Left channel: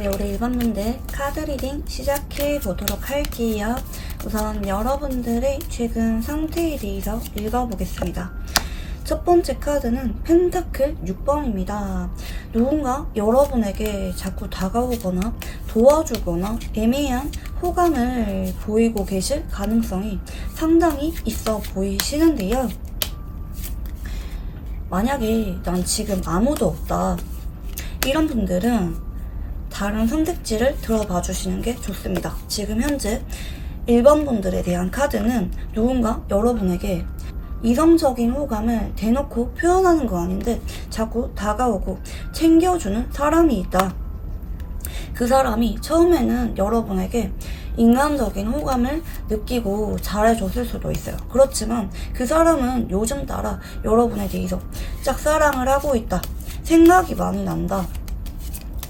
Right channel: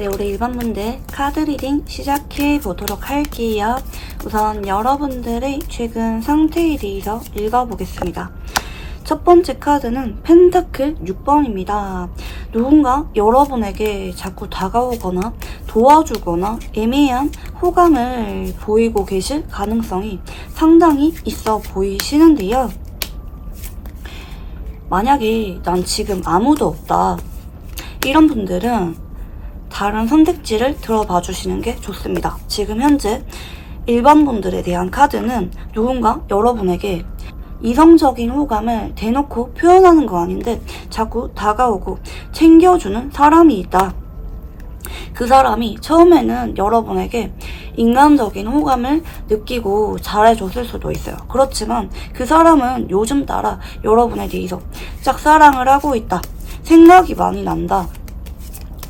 네, 우리 일반분들 카드 리딩 시작해 보도록 할게요. 우선 여러분들의 최근 상태에 대해서 읽어보겠습니다. 첫 번째 카드는 펜타클 6번입니다. 누군가 여러분에게 자꾸 다가오거나 도와주거나 애매한 호감을 보이고 계실 가능성이 상당히 있어 보이시는데요. 만약에 난 지금 아무도 없다, 이런 분들은 다른 선택지를 들어봐 주시는 게 좋습니다. 지금 현재 일반 분들에 대한 카드는 누군가 여러분에게 이성적인 호감을 대놓고 표현하는 거 아닌데 자꾸 다가오고 챙겨주는 사람이 있다. 그 사람이 처음에는 여러분에게 인간적인 호감을 느끼고 잘해줬을 수도 있어요. 그렇지만 그 사람은 요즘 따라 여러분에 대해서 짝사랑을 하고 있다, 생각이 많이 난다.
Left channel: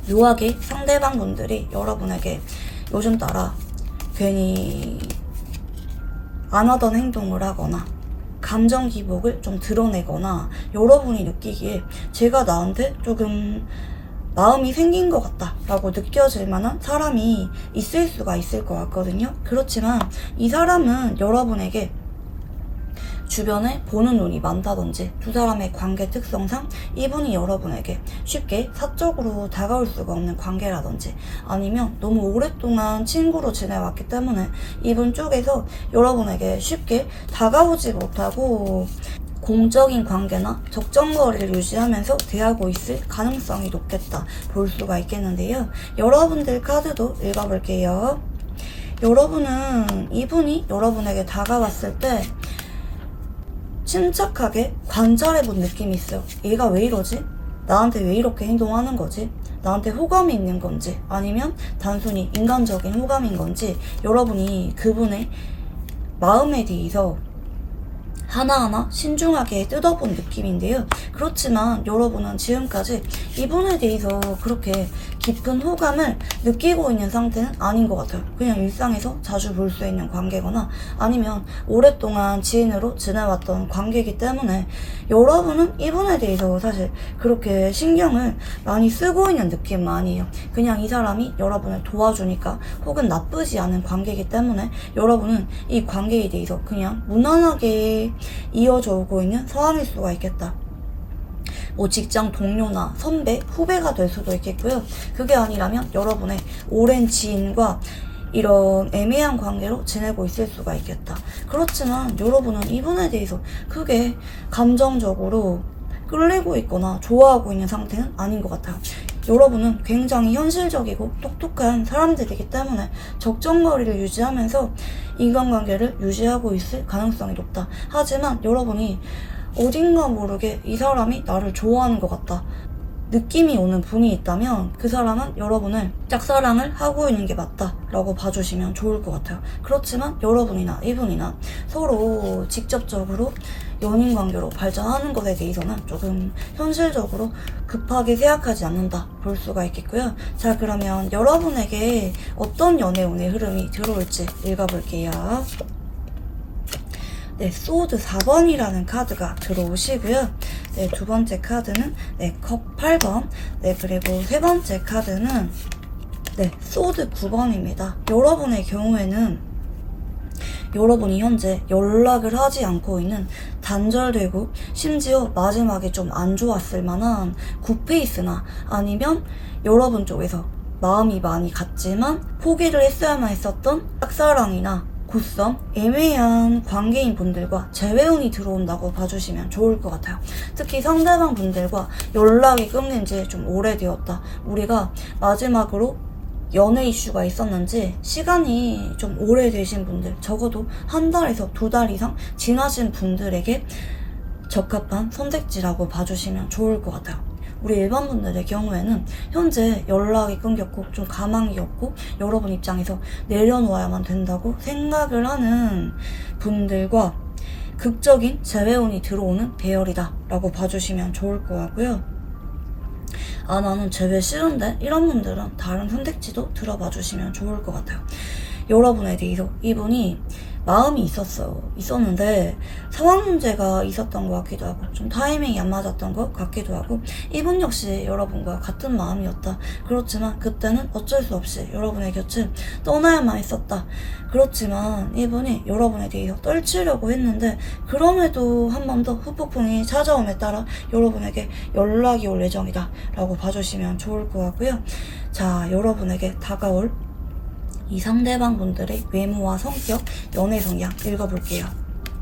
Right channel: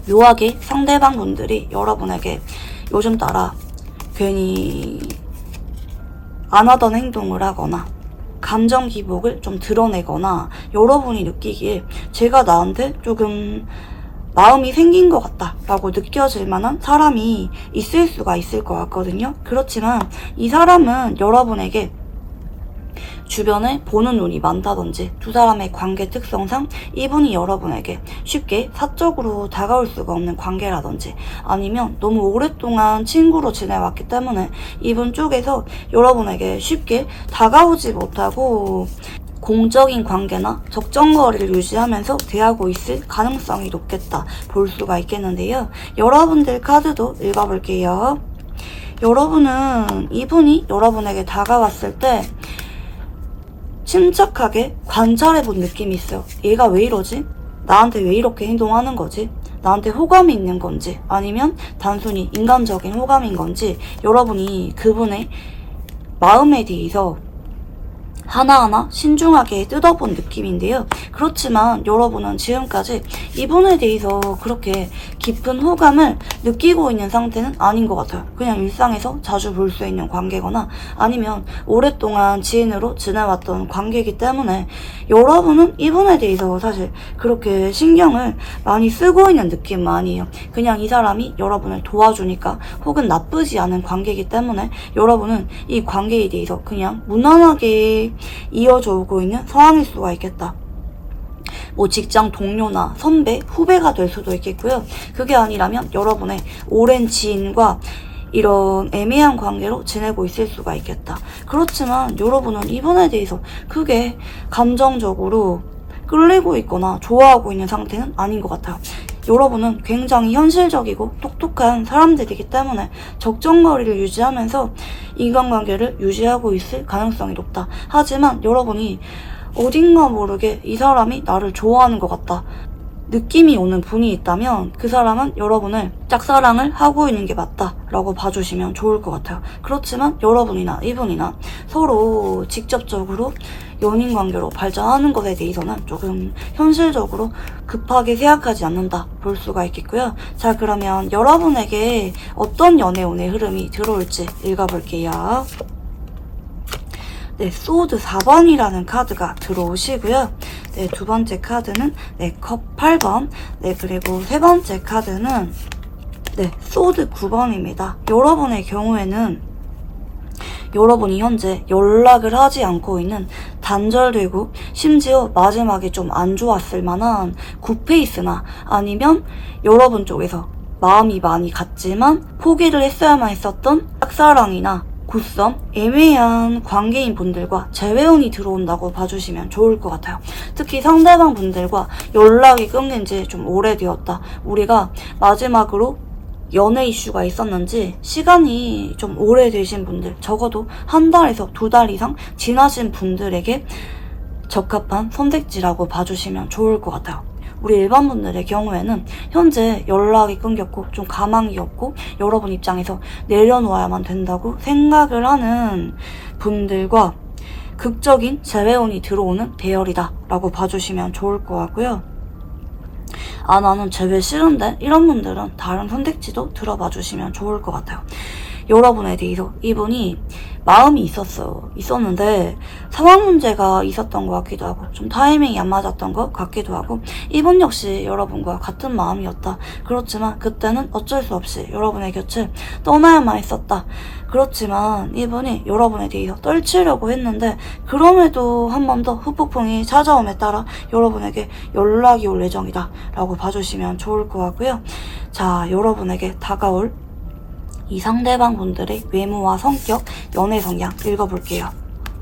묘하게 상대방 분들이 여러분에게 요즘 따라 괜히 안 하던 행동을 하거나 감정 기복을 좀 드러내거나 여러분이 느끼기에 제가 나한테 조금 마음이 생긴 것 같다 라고 느껴질 만한 사람이 있을 수가 있을 것 같거든요. 그렇지만 이 사람은 여러분에게 주변에 보는 눈이 많다든지 두 사람의 관계 특성상 이분이 여러분에게 쉽게 사적으로 다가올 수가 없는 관계라든지 아니면 너무 오랫동안 친구로 지내왔기 때문에 이분 쪽에서 여러분에게 쉽게 다가오지 못하고 공적인 관계나 적정거리를 유지하면서 대하고 있을 가능성이 높겠다 볼 수가 있겠는데요. 여러분들 카드도 읽어볼게요. 여러분은 이분이 여러분에게 다가왔을 때 침착하게 관찰해본 느낌이 있어요. 얘가 왜 이러지? 나한테 왜 이렇게 행동하는 거지? 나한테 호감이 있는 건지 아니면 단순히 인간적인 호감인 건지 여러분이 그분의 마음에 대해서 하나하나 신중하게 뜯어본 느낌인데요. 그렇지만 여러분은 지금까지 이분에 대해서 그렇게 깊은 호감을 느끼고 있는 상태는 아닌 것 같아요. 그냥 일상에서 자주 볼 수 있는 관계거나 아니면 오랫동안 지인으로 지내왔던 관계이기 때문에 여러분은 이분에 대해서 사실 그렇게 신경을 많이 쓰고 있는 느낌은 아니에요. 그냥 이 사람이 여러분을 도와주니까 혹은 나쁘지 않은 관계이기 때문에 여러분은 이 관계에 대해서 그냥 무난하게 이어져 오고 있는 상황일 수가 있겠다. 뭐 직장 동료나 선배, 후배가 될 수도 있겠고요. 그게 아니라면 여러분의 오랜 지인과 이런 애매한 관계로 지내고 있을 수가 있겠다. 그렇지만 여러분은 이분에 대해서 크게 감정적으로 끌리고 있거나 좋아하고 있는 상태는 아닌 것 같아요. 여러분은 굉장히 현실적이고 똑똑한 사람들이기 때문에 적정거리를 유지하면서 인간관계를 유지하고 있을 가능성이 높다. 하지만 여러분이 어딘가 모르게 이 사람이 나를 좋아하는 것 같다 느낌이 오는 분이 있다면 그 사람은 여러분을 짝사랑을 하고 있는 게 맞다 라고 봐주시면 좋을 것 같아요. 그렇지만 여러분이나 이분이나 서로 직접적으로 연인 관계로 발전하는 것에 대해서는 조금 현실적으로 급하게 생각하지 않는다 볼 수가 있겠고요. 자, 그러면 여러분에게 어떤 연애운의 흐름이 들어올지 읽어볼게요. 네, 소드 4번이라는 카드가 들어오시고요. 네, 두 번째 카드는 네, 컵 8번. 네, 그리고 세 번째 카드는 네, 소드 9번입니다. 여러분의 경우에는 여러분이 현재 연락을 하지 않고 있는 단절되고 심지어 마지막에 좀 안 좋았을 만한 굿페이스나 아니면 여러분 쪽에서 마음이 많이 갔지만 포기를 했어야만 했었던 짝사랑이나 굿썸, 애매한 관계인 분들과 재회운이 들어온다고 봐주시면 좋을 것 같아요. 특히 상대방 분들과 연락이 끊긴 지 좀 오래되었다. 우리가 마지막으로 연애 이슈가 있었는지 시간이 좀 오래되신 분들, 적어도 한 달에서 두 달 이상 지나신 분들에게 적합한 선택지라고 봐주시면 좋을 것 같아요. 우리 일반 분들의 경우에는 현재 연락이 끊겼고 좀 가망이 없고 여러분 입장에서 내려놓아야만 된다고 생각을 하는 분들과 극적인 재회운이 들어오는 대열이다 라고 봐주시면 좋을 것 같고요. 아, 나는 재회 싫은데? 이런 분들은 다른 선택지도 들어봐 주시면 좋을 것 같아요. 여러분에 대해서 이분이 마음이 있었는데 상황 문제가 있었던 것 같기도 하고 좀 타이밍이 안 맞았던 것 같기도 하고 이분 역시 여러분과 같은 마음이었다. 그렇지만 그때는 어쩔 수 없이 여러분의 곁을 떠나야만 했었다. 그렇지만 이분이 여러분에 대해서 떨치려고 했는데 그럼에도 한 번 더 후폭풍이 찾아옴에 따라 여러분에게 연락이 올 예정이다 라고 봐주시면 좋을 것 같고요. 자, 여러분에게 다가올 이 상대방 분들의 외모와 성격, 연애 성향 읽어볼게요.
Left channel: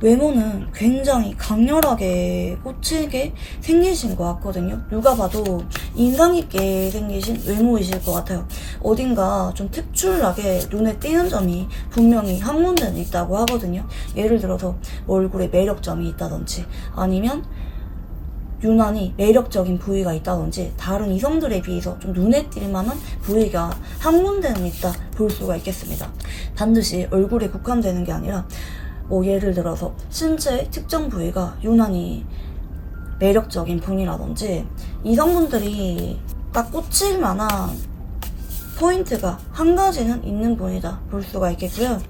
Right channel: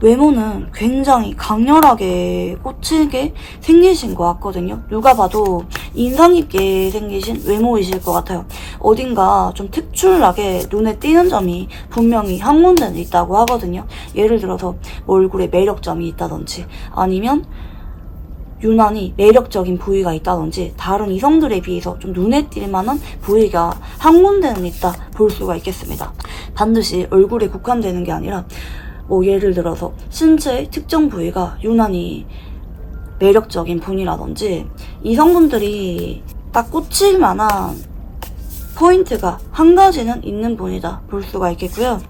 외모는 굉장히 강렬하게 꽂히게 생기신 것 같거든요. 누가 봐도 인상 깊게 생기신 외모이실 것 같아요. 어딘가 좀 특출나게 눈에 띄는 점이 분명히 한 군데는 있다고 하거든요. 예를 들어서 얼굴에 매력점이 있다든지 아니면 유난히 매력적인 부위가 있다든지 다른 이성들에 비해서 좀 눈에 띌 만한 부위가 한 군데는 있다 볼 수가 있겠습니다. 반드시 얼굴에 국한되는 게 아니라 뭐 예를 들어서 신체의 특정 부위가 유난히 매력적인 분이라든지 이성분들이 딱 꽂힐 만한 포인트가 한 가지는 있는 분이다 볼 수가 있겠고요.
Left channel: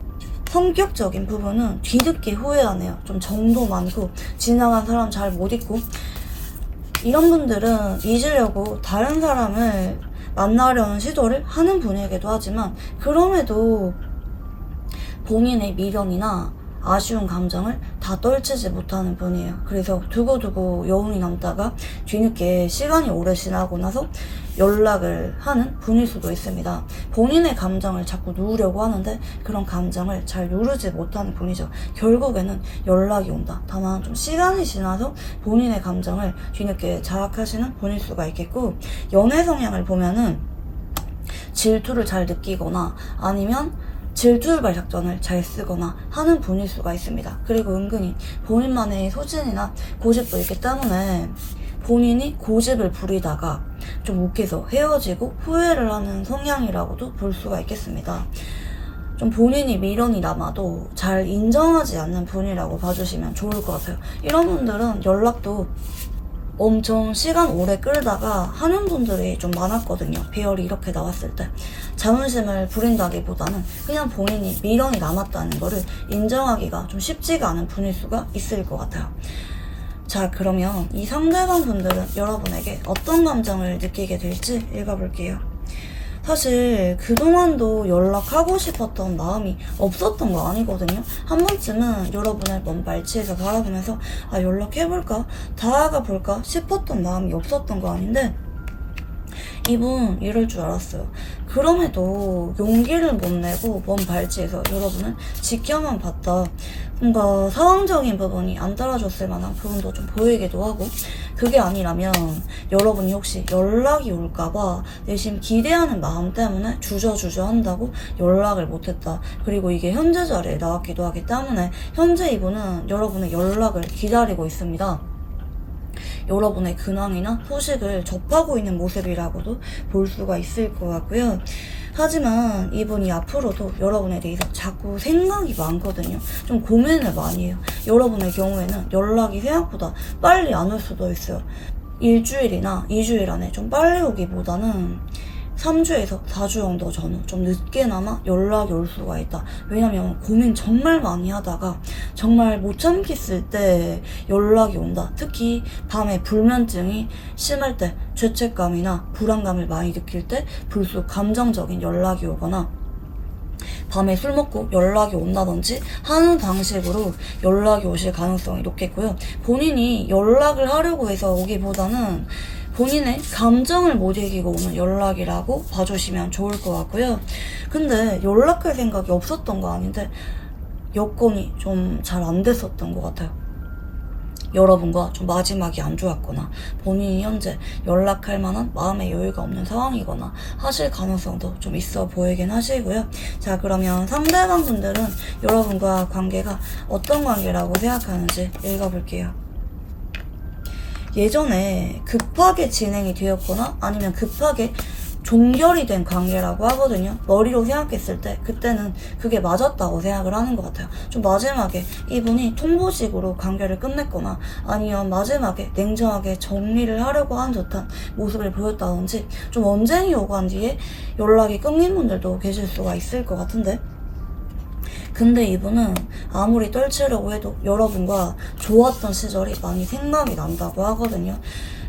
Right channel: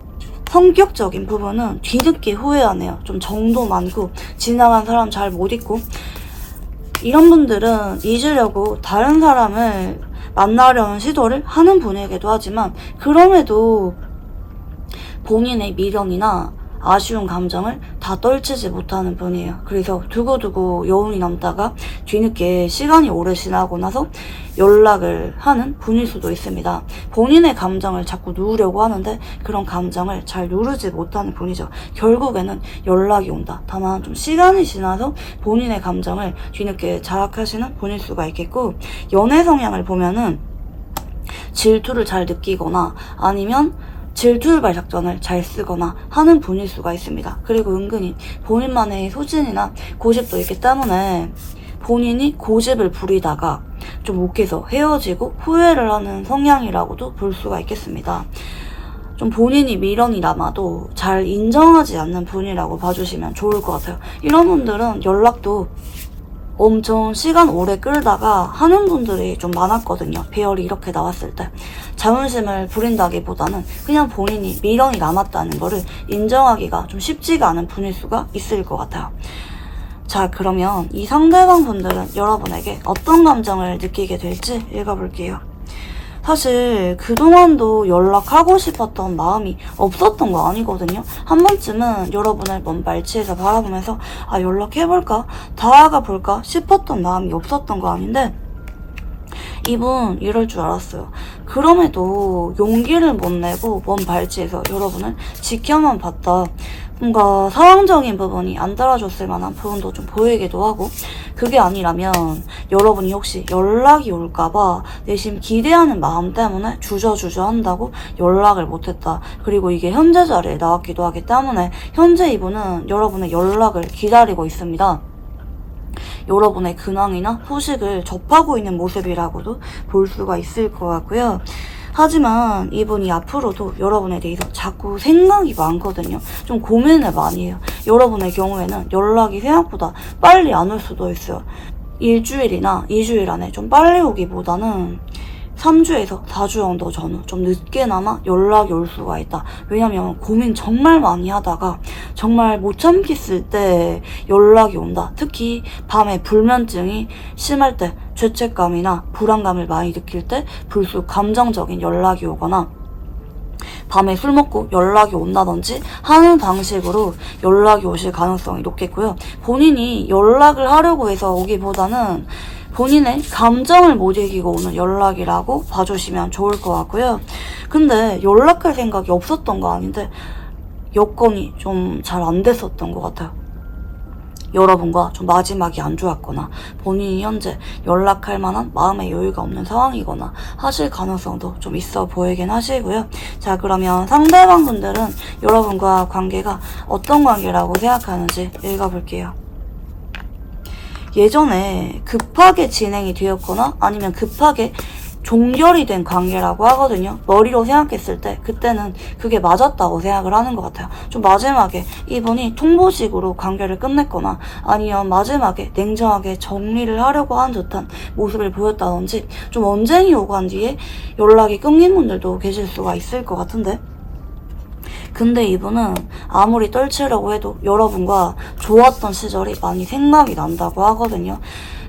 성격적인 부분은 뒤늦게 후회하네요. 좀 정도 많고 지나간 사람 잘 못 잊고 이런 분들은 잊으려고 다른 사람을 만나려는 시도를 하는 분이기도 하지만 그럼에도 본인의 미련이나 아쉬운 감정을 다 떨치지 못하는 분이에요. 그래서 두고두고 여운이 남다가 뒤늦게 시간이 오래 지나고 나서 연락을 하는 분일 수도 있습니다. 본인의 감정을 자꾸 누르려고 하는데 그런 감정을 잘 누르지 못하는 분이죠. 결국에는 연락이 온다. 다만 좀 시간이 지나서 본인의 감정을 뒤늦게 자각하시는 분일 수가 있겠고 연애 성향을 보면은 질투를 잘 느끼거나 아니면 질투유발 작전을 잘 쓰거나 하는 분일 수가 있습니다. 그리고 은근히 본인만의 소신이나 고집도 있기 때문에 본인이 고집을 부리다가 좀 욱해서 헤어지고 후회를 하는 성향이라고도 볼 수가 있겠습니다. 좀 본인이 미련이 남아도 잘 인정하지 않는 분이라고 봐주시면 좋을 것 같아요. 이런 분들은 연락도 엄청 시간 오래 끌다가 하는 분들이 좀 많았거든요. 배열이 이렇게 나왔을 때 자존심을 부린다기보다는 그냥 본인이 미련이 남았다는 거를 인정하기가 좀 쉽지가 않은 분일 수가 있을 것 같아요. 자, 그러면 이 상대방 분들은 여러분에게 어떤 감정을 느끼게 될지 읽어볼게요. 사실 그동안도 연락하고 싶었던 마음이 없었던 거 아니거든요. 한 번쯤은 여러분을 먼 발치에서 바라보면서 아, 연락해볼까? 다가가 볼까? 싶었던 마음이 없었던 거 아닌데 이분 이럴 줄 알았어요. 그럼에도 용기를 못 내고 먼 발치에서 여러분을 지켜만 봤다. 뭔가 상황적인 부분이 안 따라줬을 만한 부분도 좀 보이기도 하고 그게 아니라면 여러분이 혹시 연락이 올까봐 내심 기대하는 마음 때문에 주저주저 한다고 연락을 못했다. 그리고 이게 현재 자리에 나왔기도 하기 때문에 현재 이분은 여러분의 연락을 기다리고 있습니다. 여러분의 근황이나 소식을 접하고 있는 모습이라고도 볼 수가 있을 것 같고요. 하지만 이분이 앞으로도 여러분에 대해서 자꾸 생각이 많거든요. 좀 고민을 많이 해요. 여러분의 경우에는 연락이 생각보다 빨리 안 올 수도 있어요. 일주일이나 2주일 안에 좀 빨리 오기보다는 3주에서 4주 정도 전후 좀 늦게나마 연락이 올 수가 있다. 왜냐면 고민 정말 많이 하다가 정말 못 참겠을 때 연락이 온다. 특히 밤에 불면증이 심할 때 죄책감이나 불안감을 많이 느낄 때 불쑥 감정적인 연락이 오거나 밤에 술 먹고 연락이 온다든지 하는 방식으로 연락이 오실 가능성이 높겠고요. 본인이 연락을 하려고 해서 오기보다는 본인의 감정을 못 이기고 오는 연락이라고 봐주시면 좋을 것 같고요. 근데 연락할 생각이 없었던 거 아닌데 여건이 좀 잘 안 됐었던 것 같아요. 여러분과 좀 마지막이 안 좋았거나 본인이 현재 연락할 만한 마음의 여유가 없는 상황이거나 하실 가능성도 좀 있어 보이긴 하시고요. 자, 그러면 상대방 분들은 여러분과 관계가 어떤 관계라고 생각하는지 읽어볼게요. 예전에 급하게 진행이 되었거나 아니면 급하게 종결이 된 관계라고 하거든요. 머리로 생각했을 때 그때는 그게 맞았다고 생각을 하는 것 같아요. 좀 마지막에 이분이 통보식으로 관계를 끝냈거나 아니면 마지막에 냉정하게 정리를 하려고 하는 듯한 모습을 보였다든지 좀 언쟁이 오간 뒤에 연락이 끊긴 분들도 계실 수가 있을 것 같은데 근데 이분은 아무리 떨치려고 해도 여러분과 좋았던 시절이 많이 생각이 난다고 하거든요.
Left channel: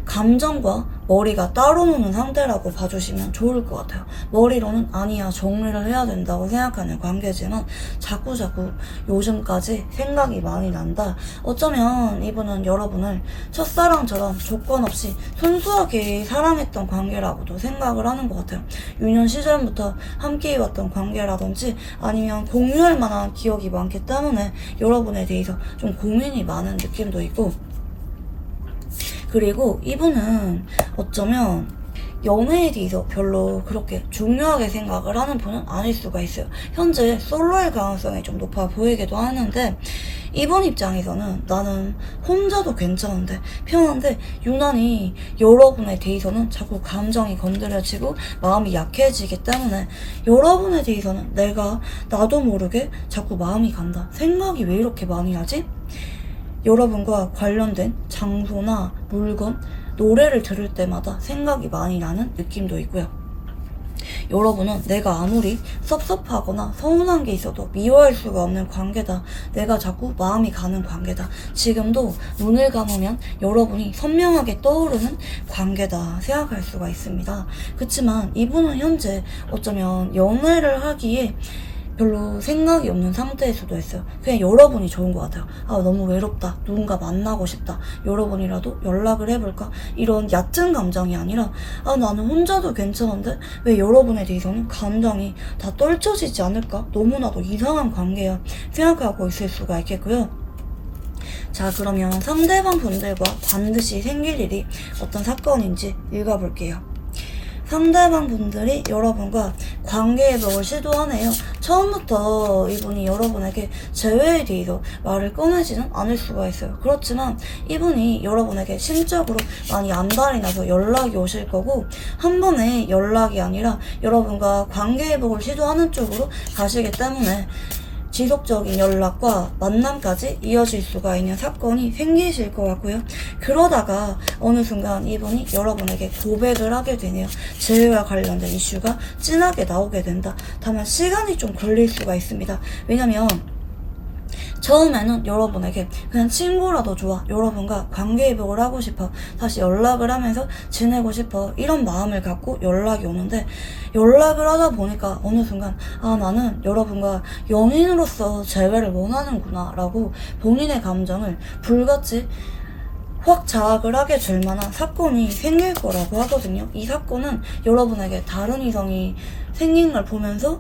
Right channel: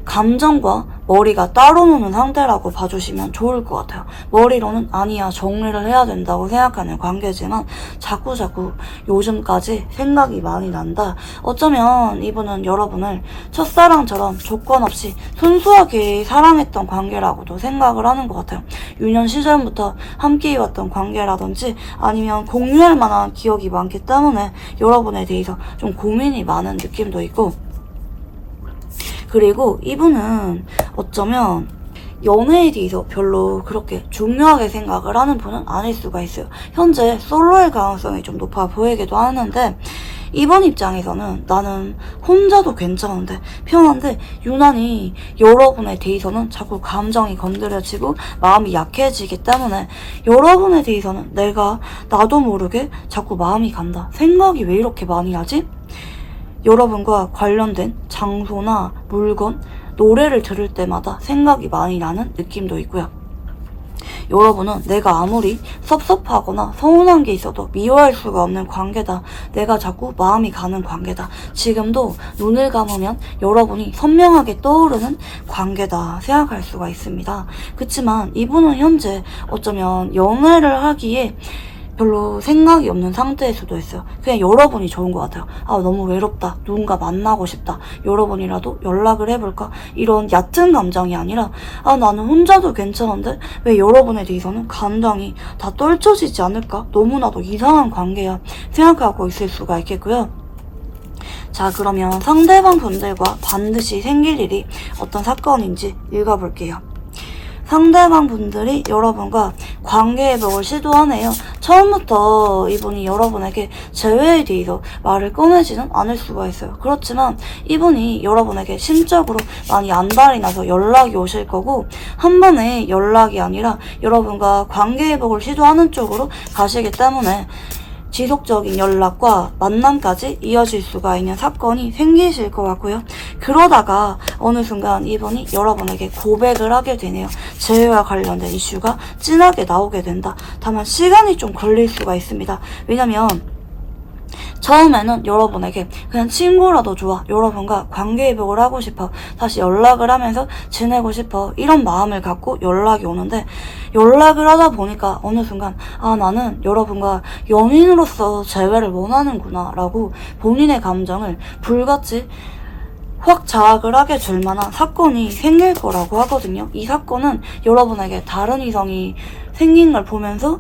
감정과 머리가 따로 노는 상태라고 봐주시면 좋을 것 같아요. 머리로는 아니야, 정리를 해야 된다고 생각하는 관계지만 자꾸자꾸 요즘까지 생각이 많이 난다. 어쩌면 이분은 여러분을 첫사랑처럼 조건 없이 순수하게 사랑했던 관계라고도 생각을 하는 것 같아요. 유년 시절부터 함께해왔던 관계라든지 아니면 공유할 만한 기억이 많기 때문에 여러분에 대해서 좀 고민이 많은 느낌도 있고, 그리고 이분은 어쩌면 연애에 대해서 별로 그렇게 중요하게 생각을 하는 분은 아닐 수가 있어요. 현재 솔로일 가능성이 좀 높아 보이기도 하는데, 이번 입장에서는 나는 혼자도 괜찮은데 편한데 유난히 여러분에 대해서는 자꾸 감정이 건드려지고 마음이 약해지기 때문에 여러분에 대해서는 나도 모르게 자꾸 마음이 간다. 생각이 왜 이렇게 많이 하지? 여러분과 관련된 장소나 물건, 노래를 들을 때마다 생각이 많이 나는 느낌도 있고요. 여러분은 내가 아무리 섭섭하거나 서운한 게 있어도 미워할 수가 없는 관계다. 내가 자꾸 마음이 가는 관계다. 지금도 눈을 감으면 여러분이 선명하게 떠오르는 관계다 생각할 수가 있습니다. 그치만 이분은 현재 어쩌면 연애를 하기에 별로 생각이 없는 상태일 수도 있어요. 그냥 여러분이 좋은 것 같아요. 너무 외롭다. 누군가 만나고 싶다. 여러분이라도 연락을 해볼까? 이런 얕은 감정이 아니라 나는 혼자도 괜찮은데 왜 여러분에 대해서는 감정이 다 떨쳐지지 않을까? 너무나도 이상한 관계야 생각하고 있을 수가 있겠고요. 자, 그러면 상대방 분들과 반드시 생길 일이 어떤 사건인지 읽어볼게요. 상대방 분들이 여러분과 관계 회복을 시도하네요. 처음부터 이분이 여러분에게 재회에 대해서 말을 꺼내지는 않을 수가 있어요. 그렇지만 이분이 여러분에게 심적으로 많이 안달이 나서 연락이 오실 거고, 한 번에 연락이 아니라 여러분과 관계 회복을 시도하는 쪽으로 가시기 때문에 지속적인 연락과 만남까지 이어질 수가 있는 사건이 생기실 것 같고요. 그러다가 어느 순간 이분이 여러분에게 고백을 하게 되네요. 재회와 관련된 이슈가 진하게 나오게 된다. 다만 시간이 좀 걸릴 수가 있습니다. 왜냐면 처음에는 여러분에게 그냥 친구라도 좋아, 여러분과 관계 회복을 하고 싶어, 다시 연락을 하면서 지내고 싶어, 이런 마음을 갖고 연락이 오는데, 연락을 하다 보니까 어느 순간 나는 여러분과 연인으로서 재회를 원하는구나 라고 본인의 감정을 불같이 확 자학을 하게 될 만한 사건이 생길 거라고 하거든요. 이 사건은 여러분에게 다른 이성이 생긴 걸 보면서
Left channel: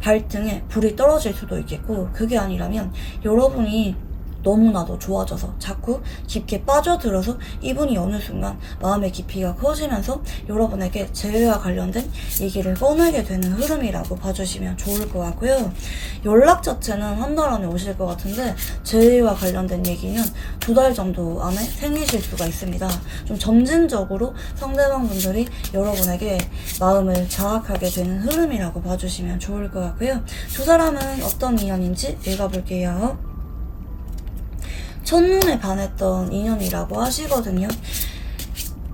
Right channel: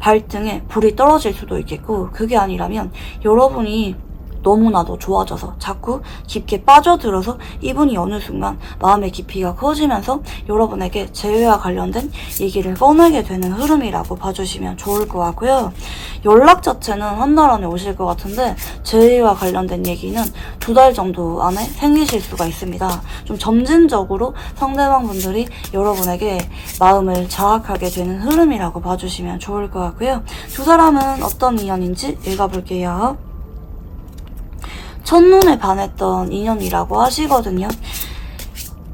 발등에 불이 떨어질 수도 있겠고, 그게 아니라면 여러분이 너무나도 좋아져서 자꾸 깊게 빠져들어서 이분이 어느 순간 마음의 깊이가 커지면서 여러분에게 재회와 관련된 얘기를 꺼내게 되는 흐름이라고 봐주시면 좋을 것 같고요. 연락 자체는 한 달 안에 오실 것 같은데 재회와 관련된 얘기는 2달 정도 안에 생기실 수가 있습니다. 좀 점진적으로 상대방 분들이 여러분에게 마음을 자학하게 되는 흐름이라고 봐주시면 좋을 것 같고요. 두 사람은 어떤 인연인지 읽어볼게요. 첫눈에 반했던 인연이라고 하시거든요.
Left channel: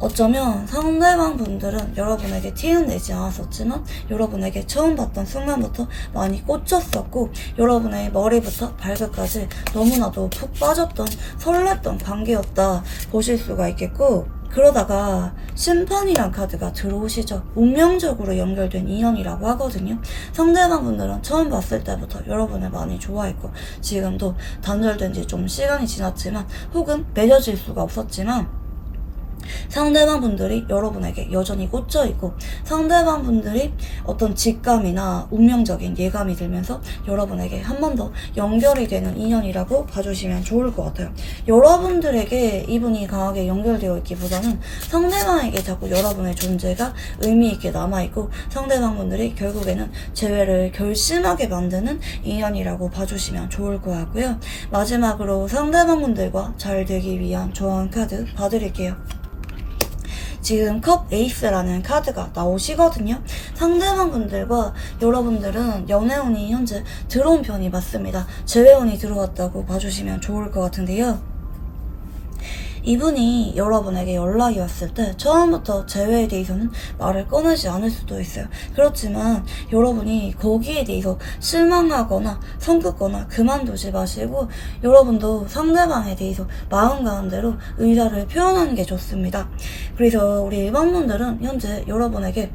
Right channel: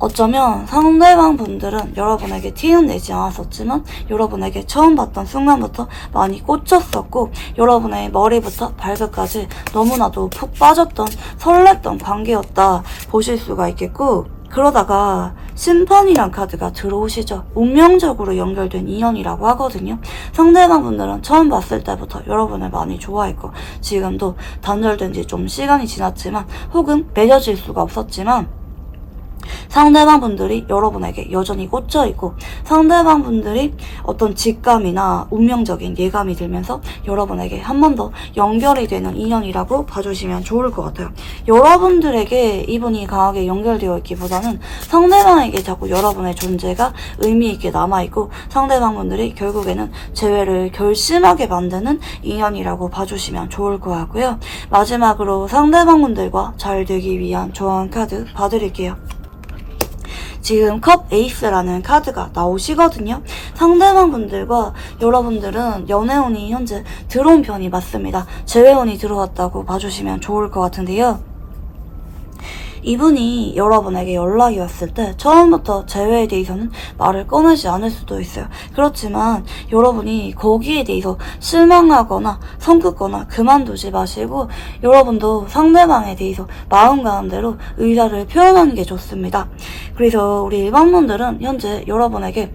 어쩌면 상대방 분들은 여러분에게 티는 내지 않았었지만 여러분에게 처음 봤던 순간부터 많이 꽂혔었고, 여러분의 머리부터 발끝까지 너무나도 푹 빠졌던 설렜던 관계였다 보실 수가 있겠고, 그러다가 심판이란 카드가 들어오시죠. 운명적으로 연결된 인연이라고 하거든요. 상대방 분들은 처음 봤을 때부터 여러분을 많이 좋아했고, 지금도 단절된 지 좀 시간이 지났지만 혹은 맺어질 수가 없었지만 상대방 분들이 여러분에게 여전히 꽂혀있고, 상대방 분들이 어떤 직감이나 운명적인 예감이 들면서 여러분에게 한 번 더 연결이 되는 인연이라고 봐주시면 좋을 것 같아요. 여러분들에게 이분이 강하게 연결되어 있기보다는 상대방에게 자꾸 여러분의 존재가 의미있게 남아있고, 상대방 분들이 결국에는 재회를 결심하게 만드는 인연이라고 봐주시면 좋을 것 같고요. 마지막으로 상대방 분들과 잘 되기 위한 조언 카드 봐드릴게요. 지금 컵 에이스라는 카드가 나오시거든요. 상대방 분들과 여러분들은 연애운이 현재 들어온 편이 맞습니다. 재회운이 들어왔다고 봐주시면 좋을 것 같은데요. 이분이 여러분에게 연락이 왔을 때 처음부터 재회에 대해서는 말을 꺼내지 않을 수도 있어요. 그렇지만 여러분이 거기에 대해서 실망하거나 성급거나 그만두지 마시고 여러분도 상대방에 대해서 마음 가는 대로 의사를 표현하는 게 좋습니다. 그래서 우리 일반분들은 현재 여러분에게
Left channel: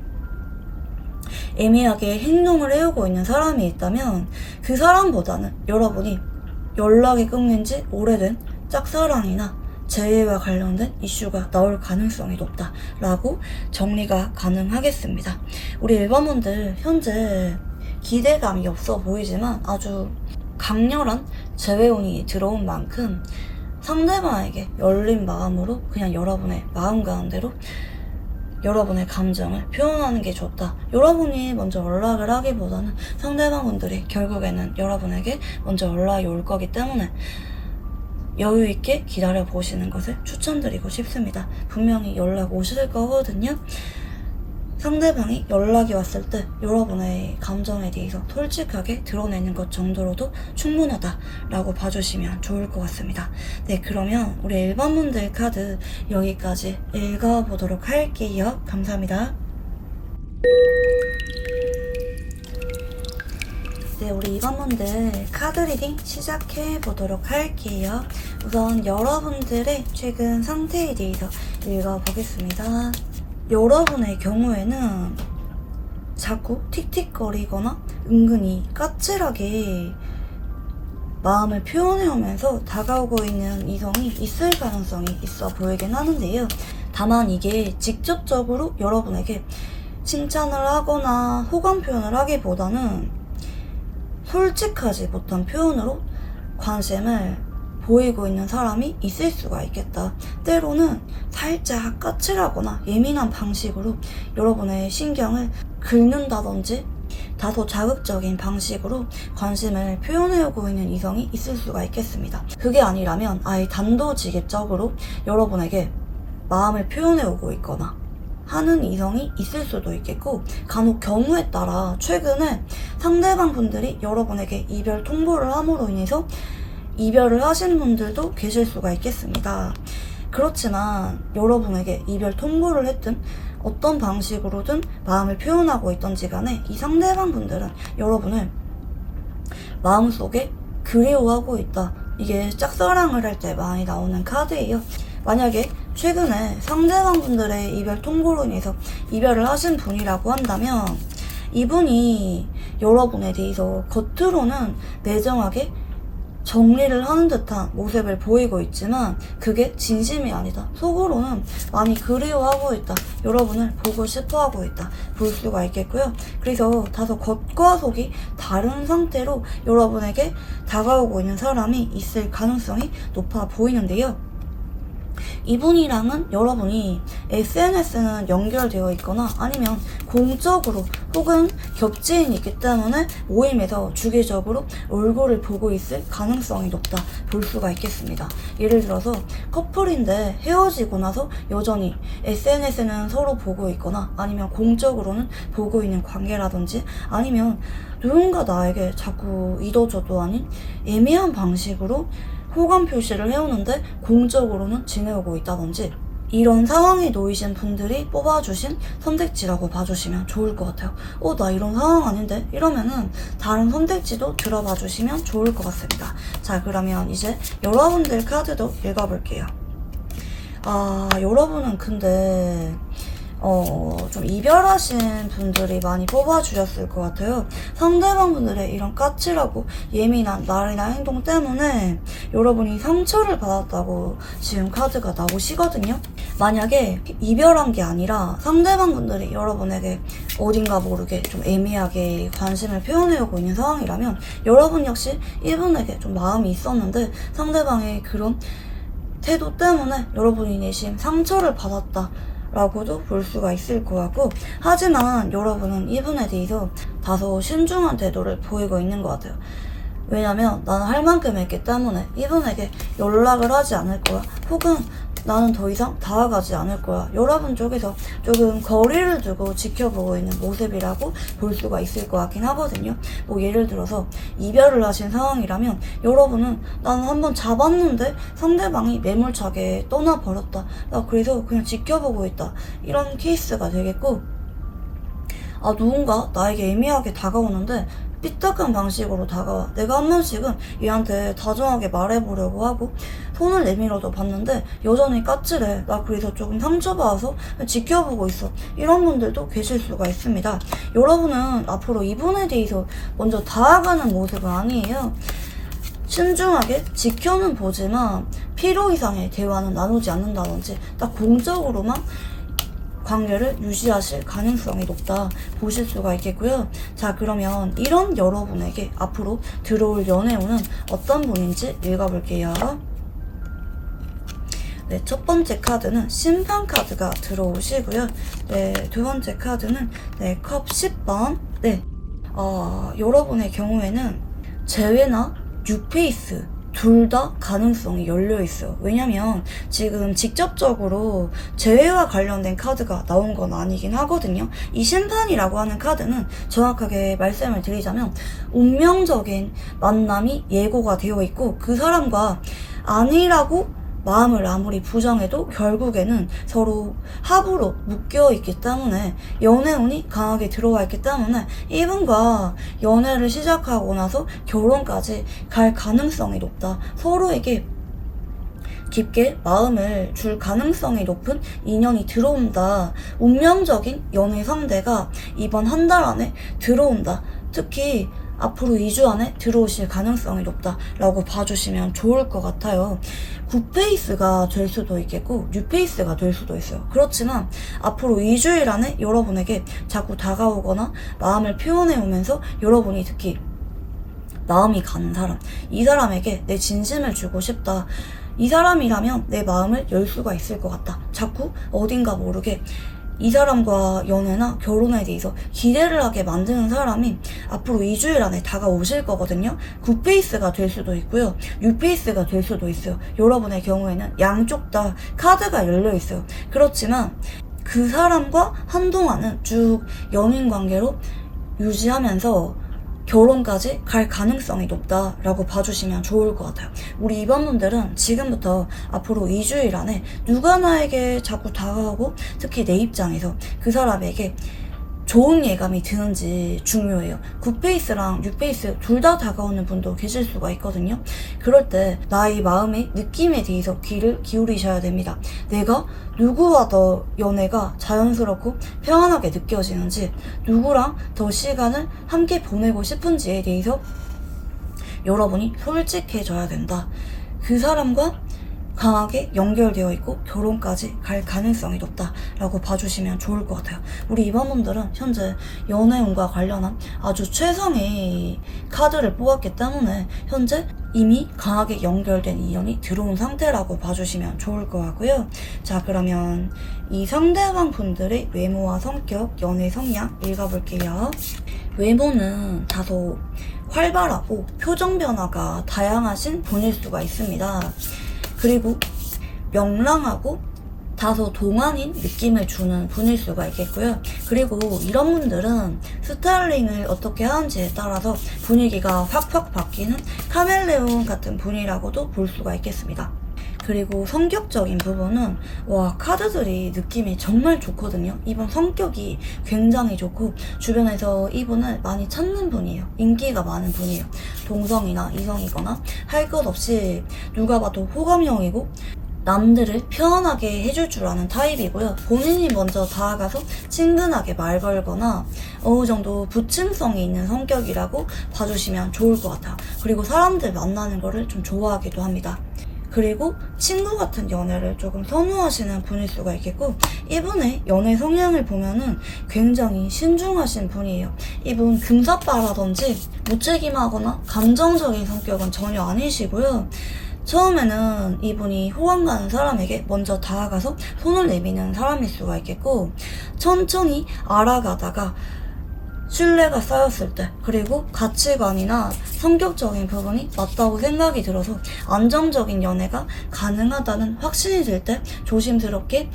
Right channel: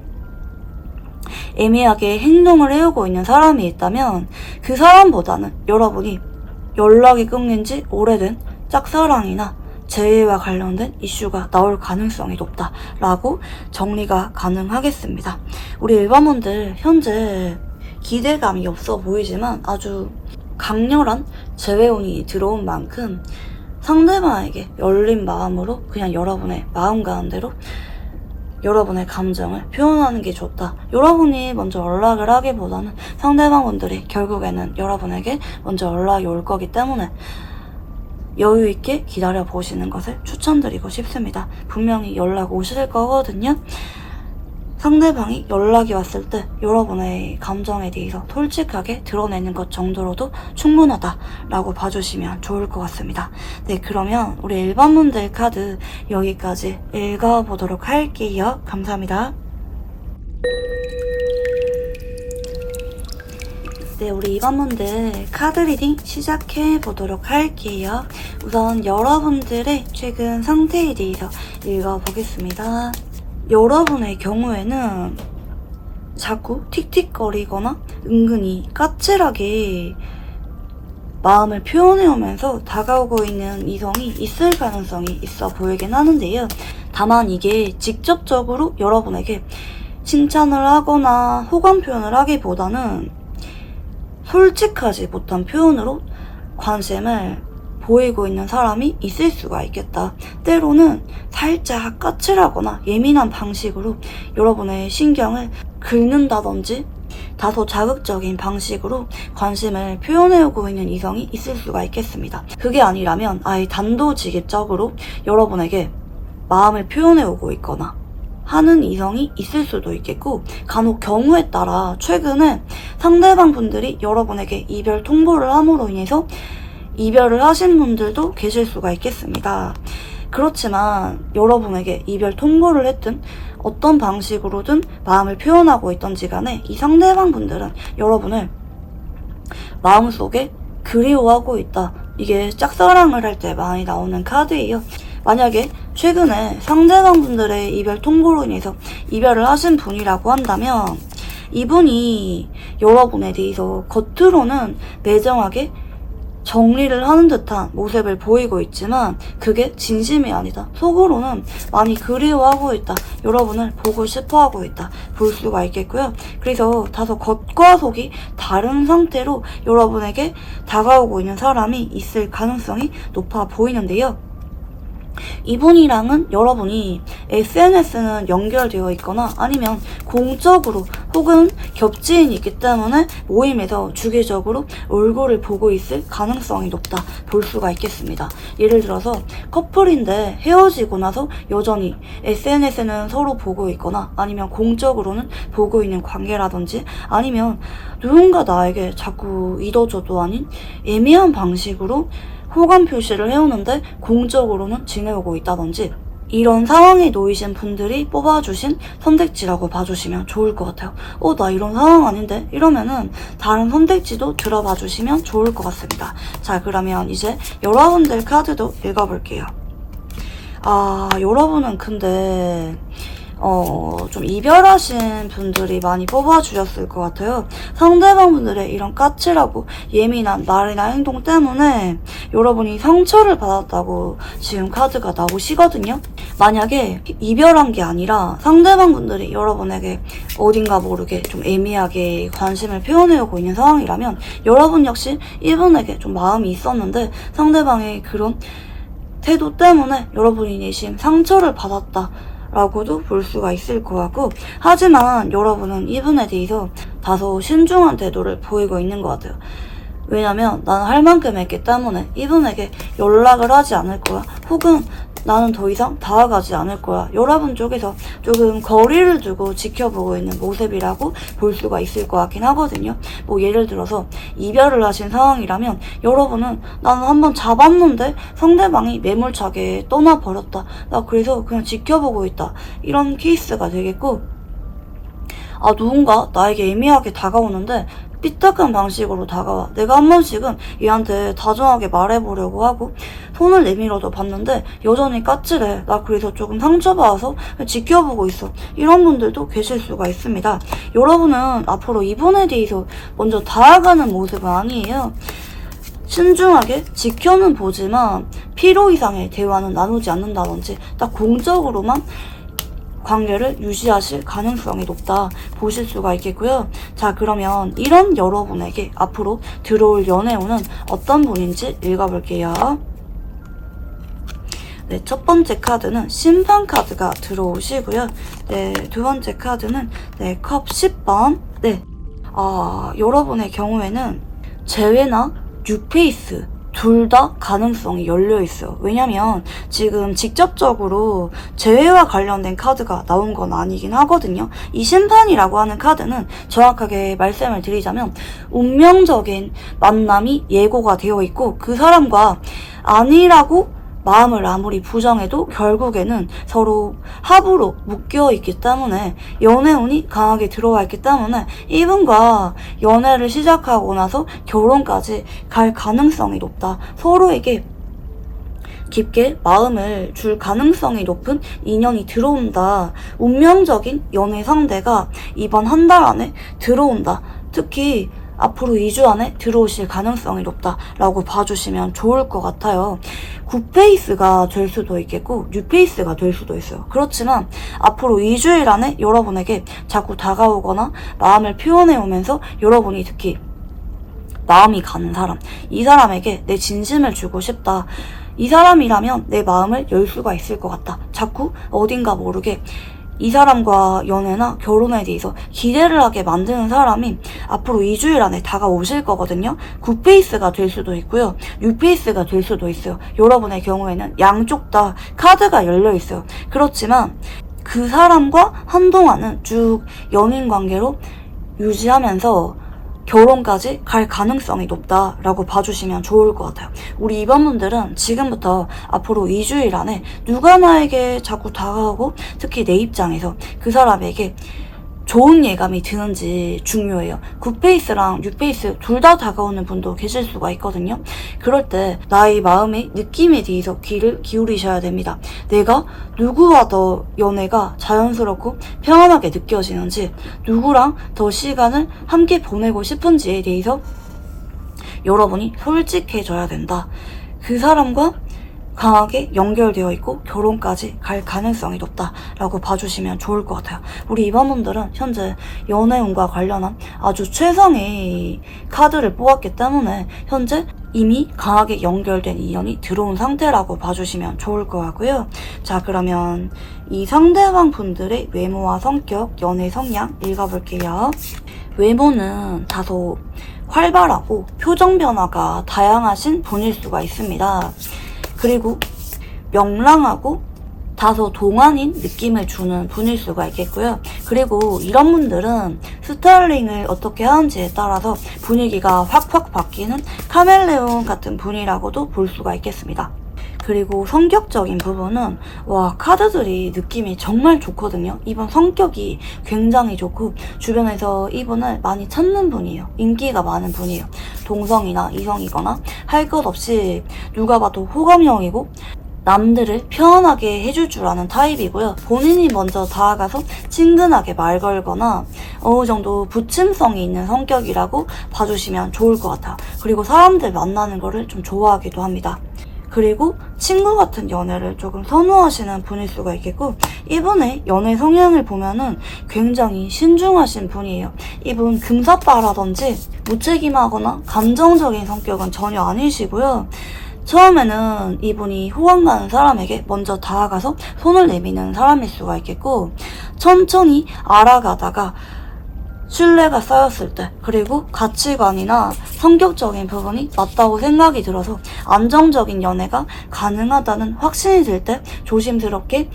애매하게 행동을 해오고 있는 사람이 있다면 그 사람보다는 여러분이 연락이 끊긴 지 오래된 짝사랑이나 재회와 관련된 이슈가 나올 가능성이 높다라고 정리가 가능하겠습니다. 우리 일반분들 현재 기대감이 없어 보이지만 아주 강렬한 재회운이 들어온 만큼 상대방에게 열린 마음으로 그냥 여러분의 마음 가는 대로 여러분의 감정을 표현하는 게 좋다. 여러분이 먼저 연락을 하기보다는 상대방분들이 결국에는 여러분에게 먼저 연락이 올 거기 때문에 여유 있게 기다려 보시는 것을 추천드리고 싶습니다. 분명히 연락 오실 거거든요. 상대방이 연락이 왔을 때 여러분의 감정에 대해서 솔직하게 드러내는 것 정도로도 충분하다라고 봐주시면 좋을 것 같습니다. 네, 그러면 우리 일반분들 카드 여기까지 읽어보도록 할게요. 감사합니다. 네, 우리 일반분들 카드 리딩 시작해 보도록 할게요. 우선 여러분들의 최근 상태에 대해서 읽어보겠습니다. 여러분의 경우에는 자꾸 틱틱거리거나 은근히 까칠하게 마음을 표현해오면서 다가오고 있는 이성이 있을 가능성이 있어 보이긴 하는데요. 다만 이게 직접적으로 여러분에게 칭찬을 하거나 호감 표현을 하기보다는 솔직하지 못한 표현으로 관심을 보이고 있는 사람이 있을 수가 있겠다. 때로는 살짝 까칠하거나 예민한 방식으로 여러분의 신경을 긁는다든지 다소 자극적인 방식으로 관심을 표현해오고 있는 이성이 있을 수가 있겠습니다. 그게 아니라면 아예 단도직입적으로 여러분에게 마음을 표현해오고 있거나 하는 이성이 있을 수도 있겠고, 간혹 경우에 따라 최근에 상대방 분들이 여러분에게 이별 통보를 함으로 인해서 이별을 하신 분들도 계실 수가 있겠습니다. 그렇지만 여러분에게 이별 통보를 했든 어떤 방식으로든 마음을 표현하고 있던지 간에 이 상대방 분들은 여러분을 마음속에 그리워하고 있다. 이게 짝사랑을 할 때 많이 나오는 카드예요. 만약에 최근에 상대방 분들의 이별 통보로 인해서 이별을 하신 분이라고 한다면 이분이 여러분에 대해서 겉으로는 매정하게 정리를 하는 듯한 모습을 보이고 있지만 그게 진심이 아니다. 속으로는 많이 그리워하고 있다. 여러분을 보고 싶어하고 있다. 볼 수가 있겠고요. 그래서 다소 겉과 속이 다른 상태로 여러분에게 다가오고 있는 사람이 있을 가능성이 높아 보이는데요. 이분이랑은 여러분이 SNS는 연결되어 있거나 아니면 공적으로 혹은 겹지인이 있기 때문에 모임에서 주기적으로 얼굴을 보고 있을 가능성이 높다 볼 수가 있겠습니다. 예를 들어서 커플인데 헤어지고 나서 여전히 SNS는 서로 보고 있거나 아니면 공적으로는 보고 있는 관계라든지 아니면 누군가 나에게 자꾸 잊어줘도 아닌 애매한 방식으로 호감 표시를 해오는데 공적으로는 지내오고 있다든지 이런 상황에 놓이신 분들이 뽑아주신 선택지라고 봐주시면 좋을 것 같아요. 나 이런 상황 아닌데? 이러면은 다른 선택지도 들어봐 주시면 좋을 것 같습니다. 자, 그러면 이제 여러분들 카드도 읽어볼게요. 여러분은 근데 좀 이별하신 분들이 많이 뽑아주셨을 것 같아요. 상대방 분들의 이런 까칠하고 예민한 말이나 행동 때문에 여러분이 상처를 받았다고 지금 카드가 나오시거든요. 만약에 이별한 게 아니라 상대방 분들이 여러분에게 어딘가 모르게 좀 애매하게 관심을 표현해오고 있는 상황이라면 여러분 역시 이분에게 좀 마음이 있었는데 상대방의 그런 태도 때문에 여러분이 내심 상처를 받았다 라고도 볼 수가 있을 것 같고, 하지만 여러분은 이분에 대해서 다소 신중한 태도를 보이고 있는 것 같아요. 왜냐면 나는 할 만큼 했기 때문에 이분에게 연락을 하지 않을 거야. 혹은 나는 더 이상 다가가지 않을 거야. 여러분 쪽에서 조금 거리를 두고 지켜보고 있는 모습이라고 볼 수가 있을 것 같긴 하거든요. 뭐 예를 들어서 이별을 하신 상황이라면 여러분은 나는 한번 잡았는데 상대방이 매몰차게 떠나버렸다. 나 그래서 그냥 지켜보고 있다. 이런 케이스가 되겠고, 누군가 나에게 애매하게 다가오는데 삐딱한 방식으로 다가와. 내가 한 번씩은 얘한테 다정하게 말해보려고 하고 손을 내밀어도 봤는데 여전히 까칠해. 나 그래서 조금 상처받아서 지켜보고 있어. 이런 분들도 계실 수가 있습니다. 여러분은 앞으로 이분에 대해서 먼저 다가가는 모습은 아니에요. 신중하게 지켜는 보지만 필요 이상의 대화는 나누지 않는다든지 딱 공적으로만 관계를 유지하실 가능성이 높다 보실 수가 있겠고요. 자, 그러면 이런 여러분에게 앞으로 들어올 연애운은 어떤 분인지 읽어볼게요. 네, 첫 번째 카드는 심판 카드가 들어오시고요. 네, 두 번째 카드는 네, 컵 10번. 네, 여러분의 경우에는 재회나 뉴페이스 둘 다 가능성이 열려있어요. 왜냐면 지금 직접적으로 재회와 관련된 카드가 나온 건 아니긴 하거든요. 이 심판이라고 하는 카드는 정확하게 말씀을 드리자면 운명적인 만남이 예고가 되어 있고 그 사람과 아니라고 마음을 아무리 부정해도 결국에는 서로 합으로 묶여있기 때문에 연애운이 강하게 들어와 있기 때문에 이분과 연애를 시작하고 나서 결혼까지 갈 가능성이 높다. 서로에게 깊게 마음을 줄 가능성이 높은 인연이 들어온다. 운명적인 연애 상대가 이번 한 달 안에 들어온다. 특히 앞으로 2주 안에 들어오실 가능성이 높다라고 봐주시면 좋을 것 같아요. 굿페이스가 될 수도 있겠고 뉴페이스가 될 수도 있어요. 그렇지만 앞으로 2주일 안에 여러분에게 자꾸 다가오거나 마음을 표현해오면서 여러분이 특히 마음이 가는 사람, 이 사람에게 내 진심을 주고 싶다. 이 사람이라면 내 마음을 열 수가 있을 것 같다. 자꾸 어딘가 모르게 이 사람과 연애나 결혼에 대해서 기대를 하게 만드는 사람이 앞으로 2주일 안에 다가오실 거거든요. 굿페이스가 될 수도 있고요. 뉴페이스가 될 수도 있어요. 여러분의 경우에는 양쪽 다 카드가 열려 있어요. 그렇지만 그 사람과 한동안은 쭉 연인 관계로 유지하면서 결혼까지 갈 가능성이 높다라고 봐주시면 좋을 것 같아요. 우리 2번 분들은 지금부터 앞으로 2주일 안에 누가 나에게 자꾸 다가오고 특히 내 입장에서 그 사람에게 좋은 예감이 드는지 중요해요. 굿페이스랑 뉴페이스 둘 다 다가오는 분도 계실 수가 있거든요. 그럴 때 나의 마음의 느낌에 대해서 귀를 기울이셔야 됩니다. 내가 누구와 더 연애가 자연스럽고 평안하게 느껴지는지, 누구랑 더 시간을 함께 보내고 싶은지에 대해서 여러분이 솔직해져야 된다. 그 사람과 강하게 연결되어 있고 결혼까지 갈 가능성이 높다라고 봐주시면 좋을 것 같아요. 우리 2번 분들은 현재 연애운과 관련한 아주 최상의 카드를 뽑았기 때문에 현재 이미 강하게 연결된 인연이 들어온 상태라고 봐주시면 좋을 것 같고요. 자, 그러면 이 상대방 분들의 외모와 성격, 연애 성향 읽어볼게요. 외모는 다소 활발하고 표정 변화가 다양하신 분일 수가 있습니다. 그리고 명랑하고 다소 동안인 느낌을 주는 분일 수가 있겠고요. 그리고 이런 분들은 스타일링을 어떻게 하는지에 따라서 분위기가 확확 바뀌는 카멜레온 같은 분이라고도 볼 수가 있겠습니다. 그리고 성격적인 부분은 카드들이 느낌이 정말 좋거든요. 이분 성격이 굉장히 좋고 주변에서 이분을 많이 찾는 분이에요. 인기가 많은 분이에요. 동성이나 이성이거나 할 것 없이 누가 봐도 호감형이고 남들을 편하게 해줄 줄 아는 타입이고요. 본인이 먼저 다가가서 친근하게 말 걸거나 어느 정도 부침성이 있는 성격이라고 봐주시면 좋을 것 같아요. 그리고 사람들 만나는 거를 좀 좋아하기도 합니다. 그리고 친구 같은 연애를 조금 선호하시는 분일 수가 있겠고, 이분의 연애 성향을 보면은 굉장히 신중하신 분이에요. 이분 금사빠라든지 무책임하거나 감정적인 성격은 전혀 아니시고요. 처음에는 이분이 호감 가는 사람에게 먼저 다가가서 손을 내미는 사람일 수가 있겠고, 천천히 알아가다가 신뢰가 쌓였을 때, 그리고 가치관이나 성격적인 부분이 맞다고 생각이 들어서 안정적인 연애가 가능하다는 확신이 들 때 조심스럽게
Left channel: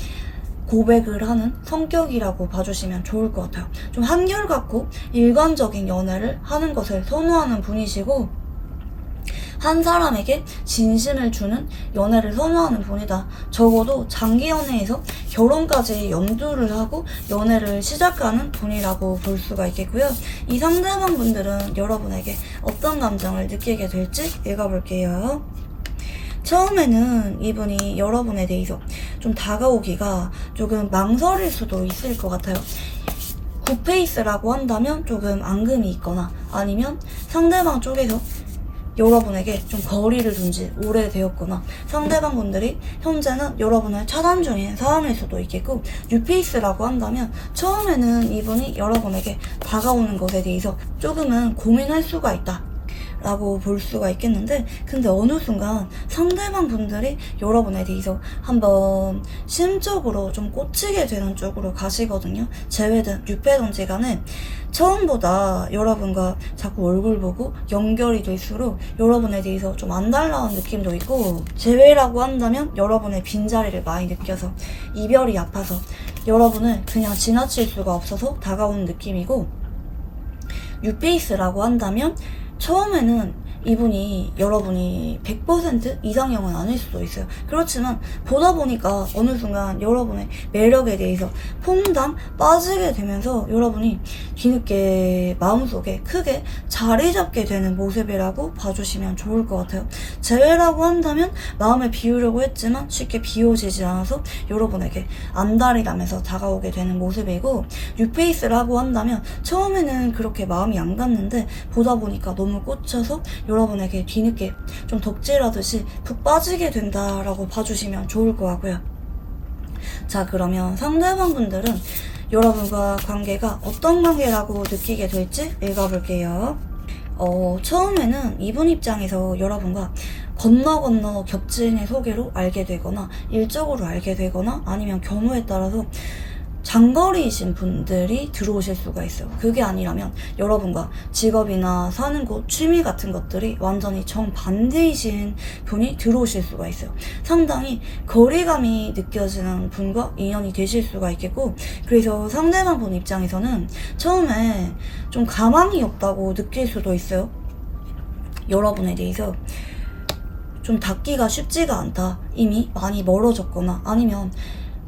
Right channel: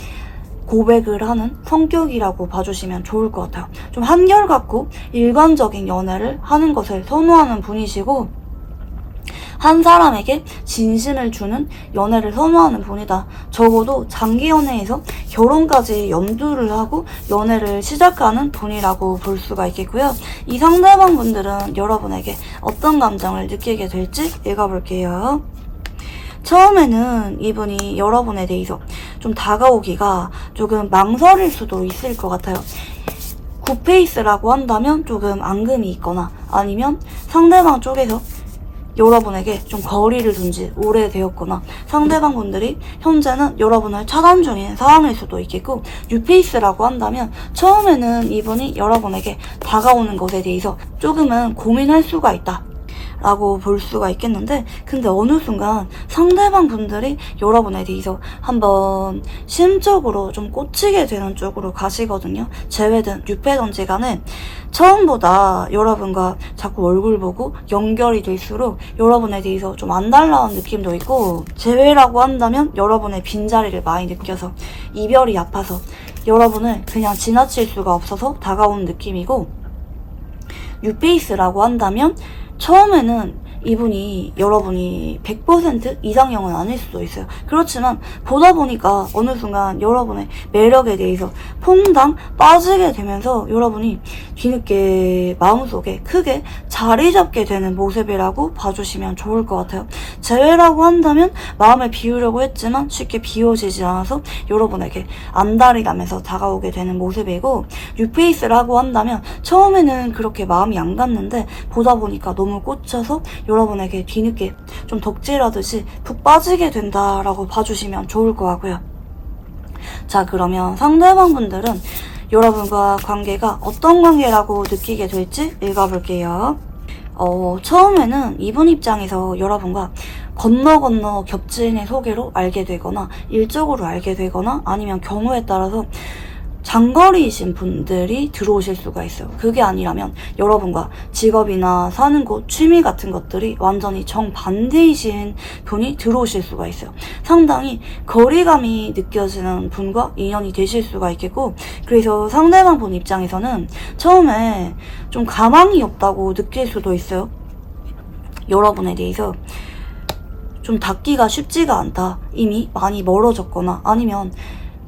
고백을 하는 성격이라고 봐주시면 좋을 것 같아요. 좀 한결같고 일관적인 연애를 하는 것을 선호하는 분이시고, 한 사람에게 진심을 주는 연애를 선호하는 분이다. 적어도 장기 연애에서 결혼까지 염두를 하고 연애를 시작하는 분이라고 볼 수가 있겠고요. 이 상대방 분들은 여러분에게 어떤 감정을 느끼게 될지 읽어볼게요. 처음에는 이분이 여러분에 대해서 좀 다가오기가 조금 망설일 수도 있을 것 같아요. 굿페이스라고 한다면 조금 앙금이 있거나 아니면 상대방 쪽에서 여러분에게 좀 거리를 둔 지 오래되었거나 상대방 분들이 현재는 여러분을 차단 중인 상황일 수도 있겠고, 뉴페이스라고 한다면 처음에는 이분이 여러분에게 다가오는 것에 대해서 조금은 고민할 수가 있다 라고 볼 수가 있겠는데, 근데 어느 순간 상대방 분들이 여러분에 대해서 한번 심적으로 좀 꽂히게 되는 쪽으로 가시거든요. 재회든 뉴페든지 간에 처음보다 여러분과 자꾸 얼굴 보고 연결이 될수록 여러분에 대해서 좀 안달나온 느낌도 있고, 재회라고 한다면 여러분의 빈자리를 많이 느껴서 이별이 아파서 여러분을 그냥 지나칠 수가 없어서 다가오는 느낌이고, 뉴페이스라고 한다면 처음에는 이분이 여러분이 100% 이상형은 아닐 수도 있어요. 그렇지만 보다 보니까 어느 순간 여러분의 매력에 대해서 퐁당 빠지게 되면서 여러분이 뒤늦게 마음속에 크게 자리 잡게 되는 모습이라고 봐주시면 좋을 것 같아요. 재회라고 한다면 마음을 비우려고 했지만 쉽게 비워지지 않아서 여러분에게 안달이 나면서 다가오게 되는 모습이고, 뉴페이스라고 한다면 처음에는 그렇게 마음이 안 갔는데 보다 보니까 너무 꽂혀서 여러분에게 뒤늦게 좀 덕질하듯이 푹 빠지게 된다라고 봐주시면 좋을 것 같고요. 자, 그러면 상대방 분들은 여러분과 관계가 어떤 관계라고 느끼게 될지 읽어볼게요. 처음에는 이분 입장에서 여러분과 건너 겹치는 소개로 알게 되거나 일적으로 알게 되거나 아니면 경우에 따라서 장거리이신 분들이 들어오실 수가 있어요. 그게 아니라면 여러분과 직업이나 사는 곳, 취미 같은 것들이 완전히 정반대이신 분이 들어오실 수가 있어요. 상당히 거리감이 느껴지는 분과 인연이 되실 수가 있겠고, 그래서 상대방 분 입장에서는 처음에 좀 가망이 없다고 느낄 수도 있어요. 여러분에 대해서 좀 닿기가 쉽지가 않다, 이미 많이 멀어졌거나 아니면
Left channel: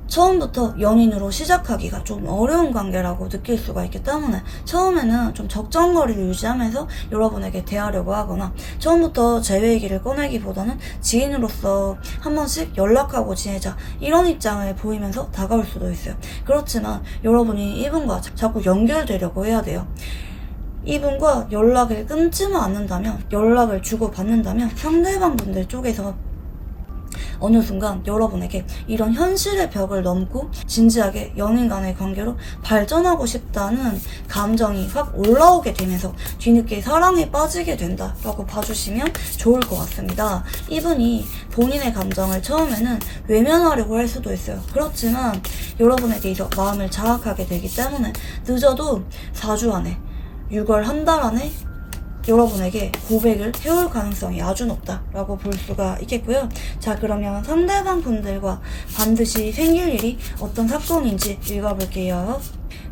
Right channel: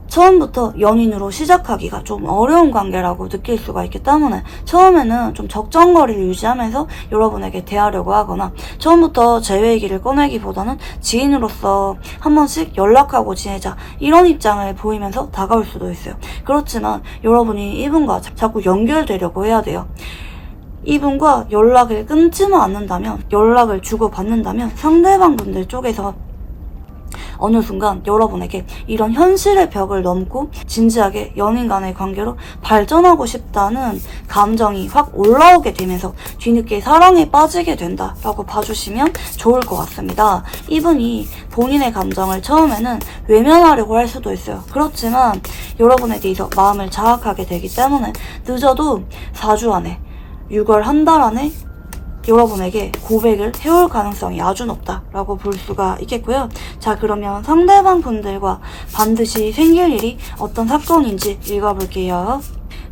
처음부터 연인으로 시작하기가 좀 어려운 관계라고 느낄 수가 있기 때문에 처음에는 좀 적정거리를 유지하면서 여러분에게 대하려고 하거나 처음부터 재회 얘기를 꺼내기보다는 지인으로서 한 번씩 연락하고 지내자 이런 입장을 보이면서 다가올 수도 있어요. 그렇지만 여러분이 이분과 자꾸 연결되려고 해야 돼요. 이분과 연락을 끊지만 않는다면, 연락을 주고받는다면 상대방 분들 쪽에서 어느 순간 여러분에게 이런 현실의 벽을 넘고 진지하게 연인 간의 관계로 발전하고 싶다는 감정이 확 올라오게 되면서 뒤늦게 사랑에 빠지게 된다라고 봐주시면 좋을 것 같습니다. 이분이 본인의 감정을 처음에는 외면하려고 할 수도 있어요. 그렇지만 여러분에 대해서 마음을 자학하게 되기 때문에 늦어도 4주 안에 6월 한 달 안에 여러분에게 고백을 해올 가능성이 아주 높다라고 볼 수가 있겠고요. 자, 그러면 상대방 분들과 반드시 생길 일이 어떤 사건인지 읽어볼게요.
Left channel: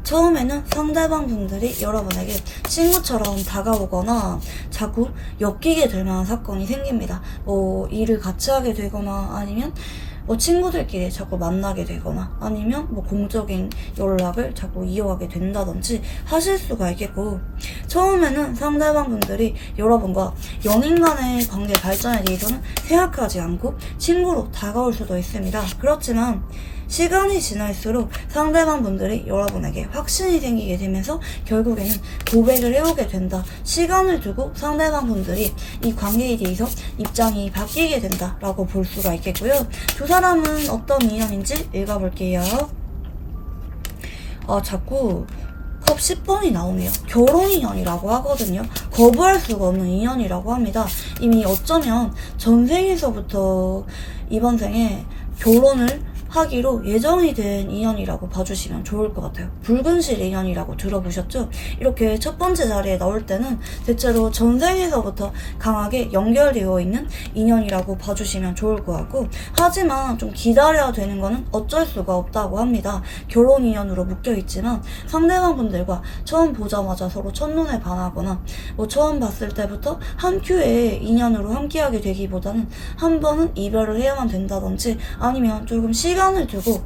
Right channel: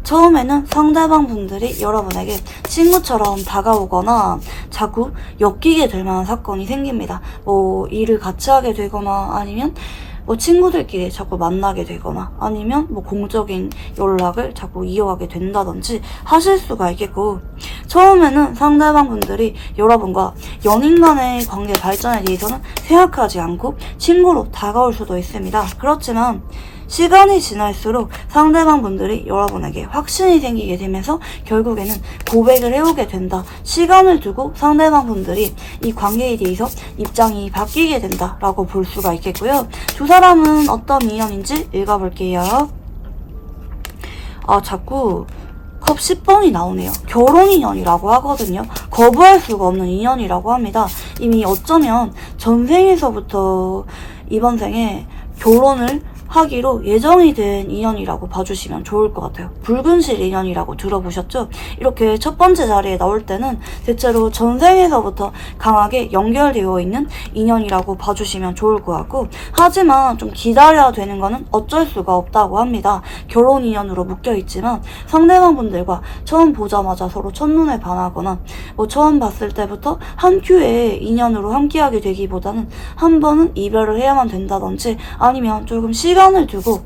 처음에는 상대방 분들이 여러분에게 친구처럼 다가오거나 자꾸 엮이게 될 만한 사건이 생깁니다. 뭐 일을 같이 하게 되거나 아니면 뭐 친구들끼리 자꾸 만나게 되거나 아니면 뭐 공적인 연락을 자꾸 이어가게 된다든지 하실 수가 있겠고, 처음에는 상대방 분들이 여러분과 연인 간의 관계 발전에 대해서는 생각하지 않고 친구로 다가올 수도 있습니다. 그렇지만 시간이 지날수록 상대방 분들이 여러분에게 확신이 생기게 되면서 결국에는 고백을 해오게 된다. 시간을 두고 상대방 분들이 이 관계에 대해서 입장이 바뀌게 된다라고 볼 수가 있겠고요. 두 사람은 어떤 인연인지 읽어볼게요. 자꾸 컵 10번이 나오네요. 결혼 인연이라고 하거든요. 거부할 수가 없는 인연이라고 합니다. 이미 어쩌면 전생에서부터 이번 생에 결혼을 하기로 예정이 된 인연이라고 봐주시면 좋을 것 같아요. 붉은실 인연이라고 들어보셨죠? 이렇게 첫 번째 자리에 나올 때는 대체로 전생에서부터 강하게 연결되어 있는 인연이라고 봐주시면 좋을 것 같고, 하지만 좀 기다려야 되는 거는 어쩔 수가 없다고 합니다. 결혼 인연으로 묶여있지만 상대방 분들과 처음 보자마자 서로 첫눈에 반하거나 뭐 처음 봤을 때부터 한 큐에 인연으로 함께하게 되기보다는 한 번은 이별을 해야만 된다든지 아니면 조금 시간을 두고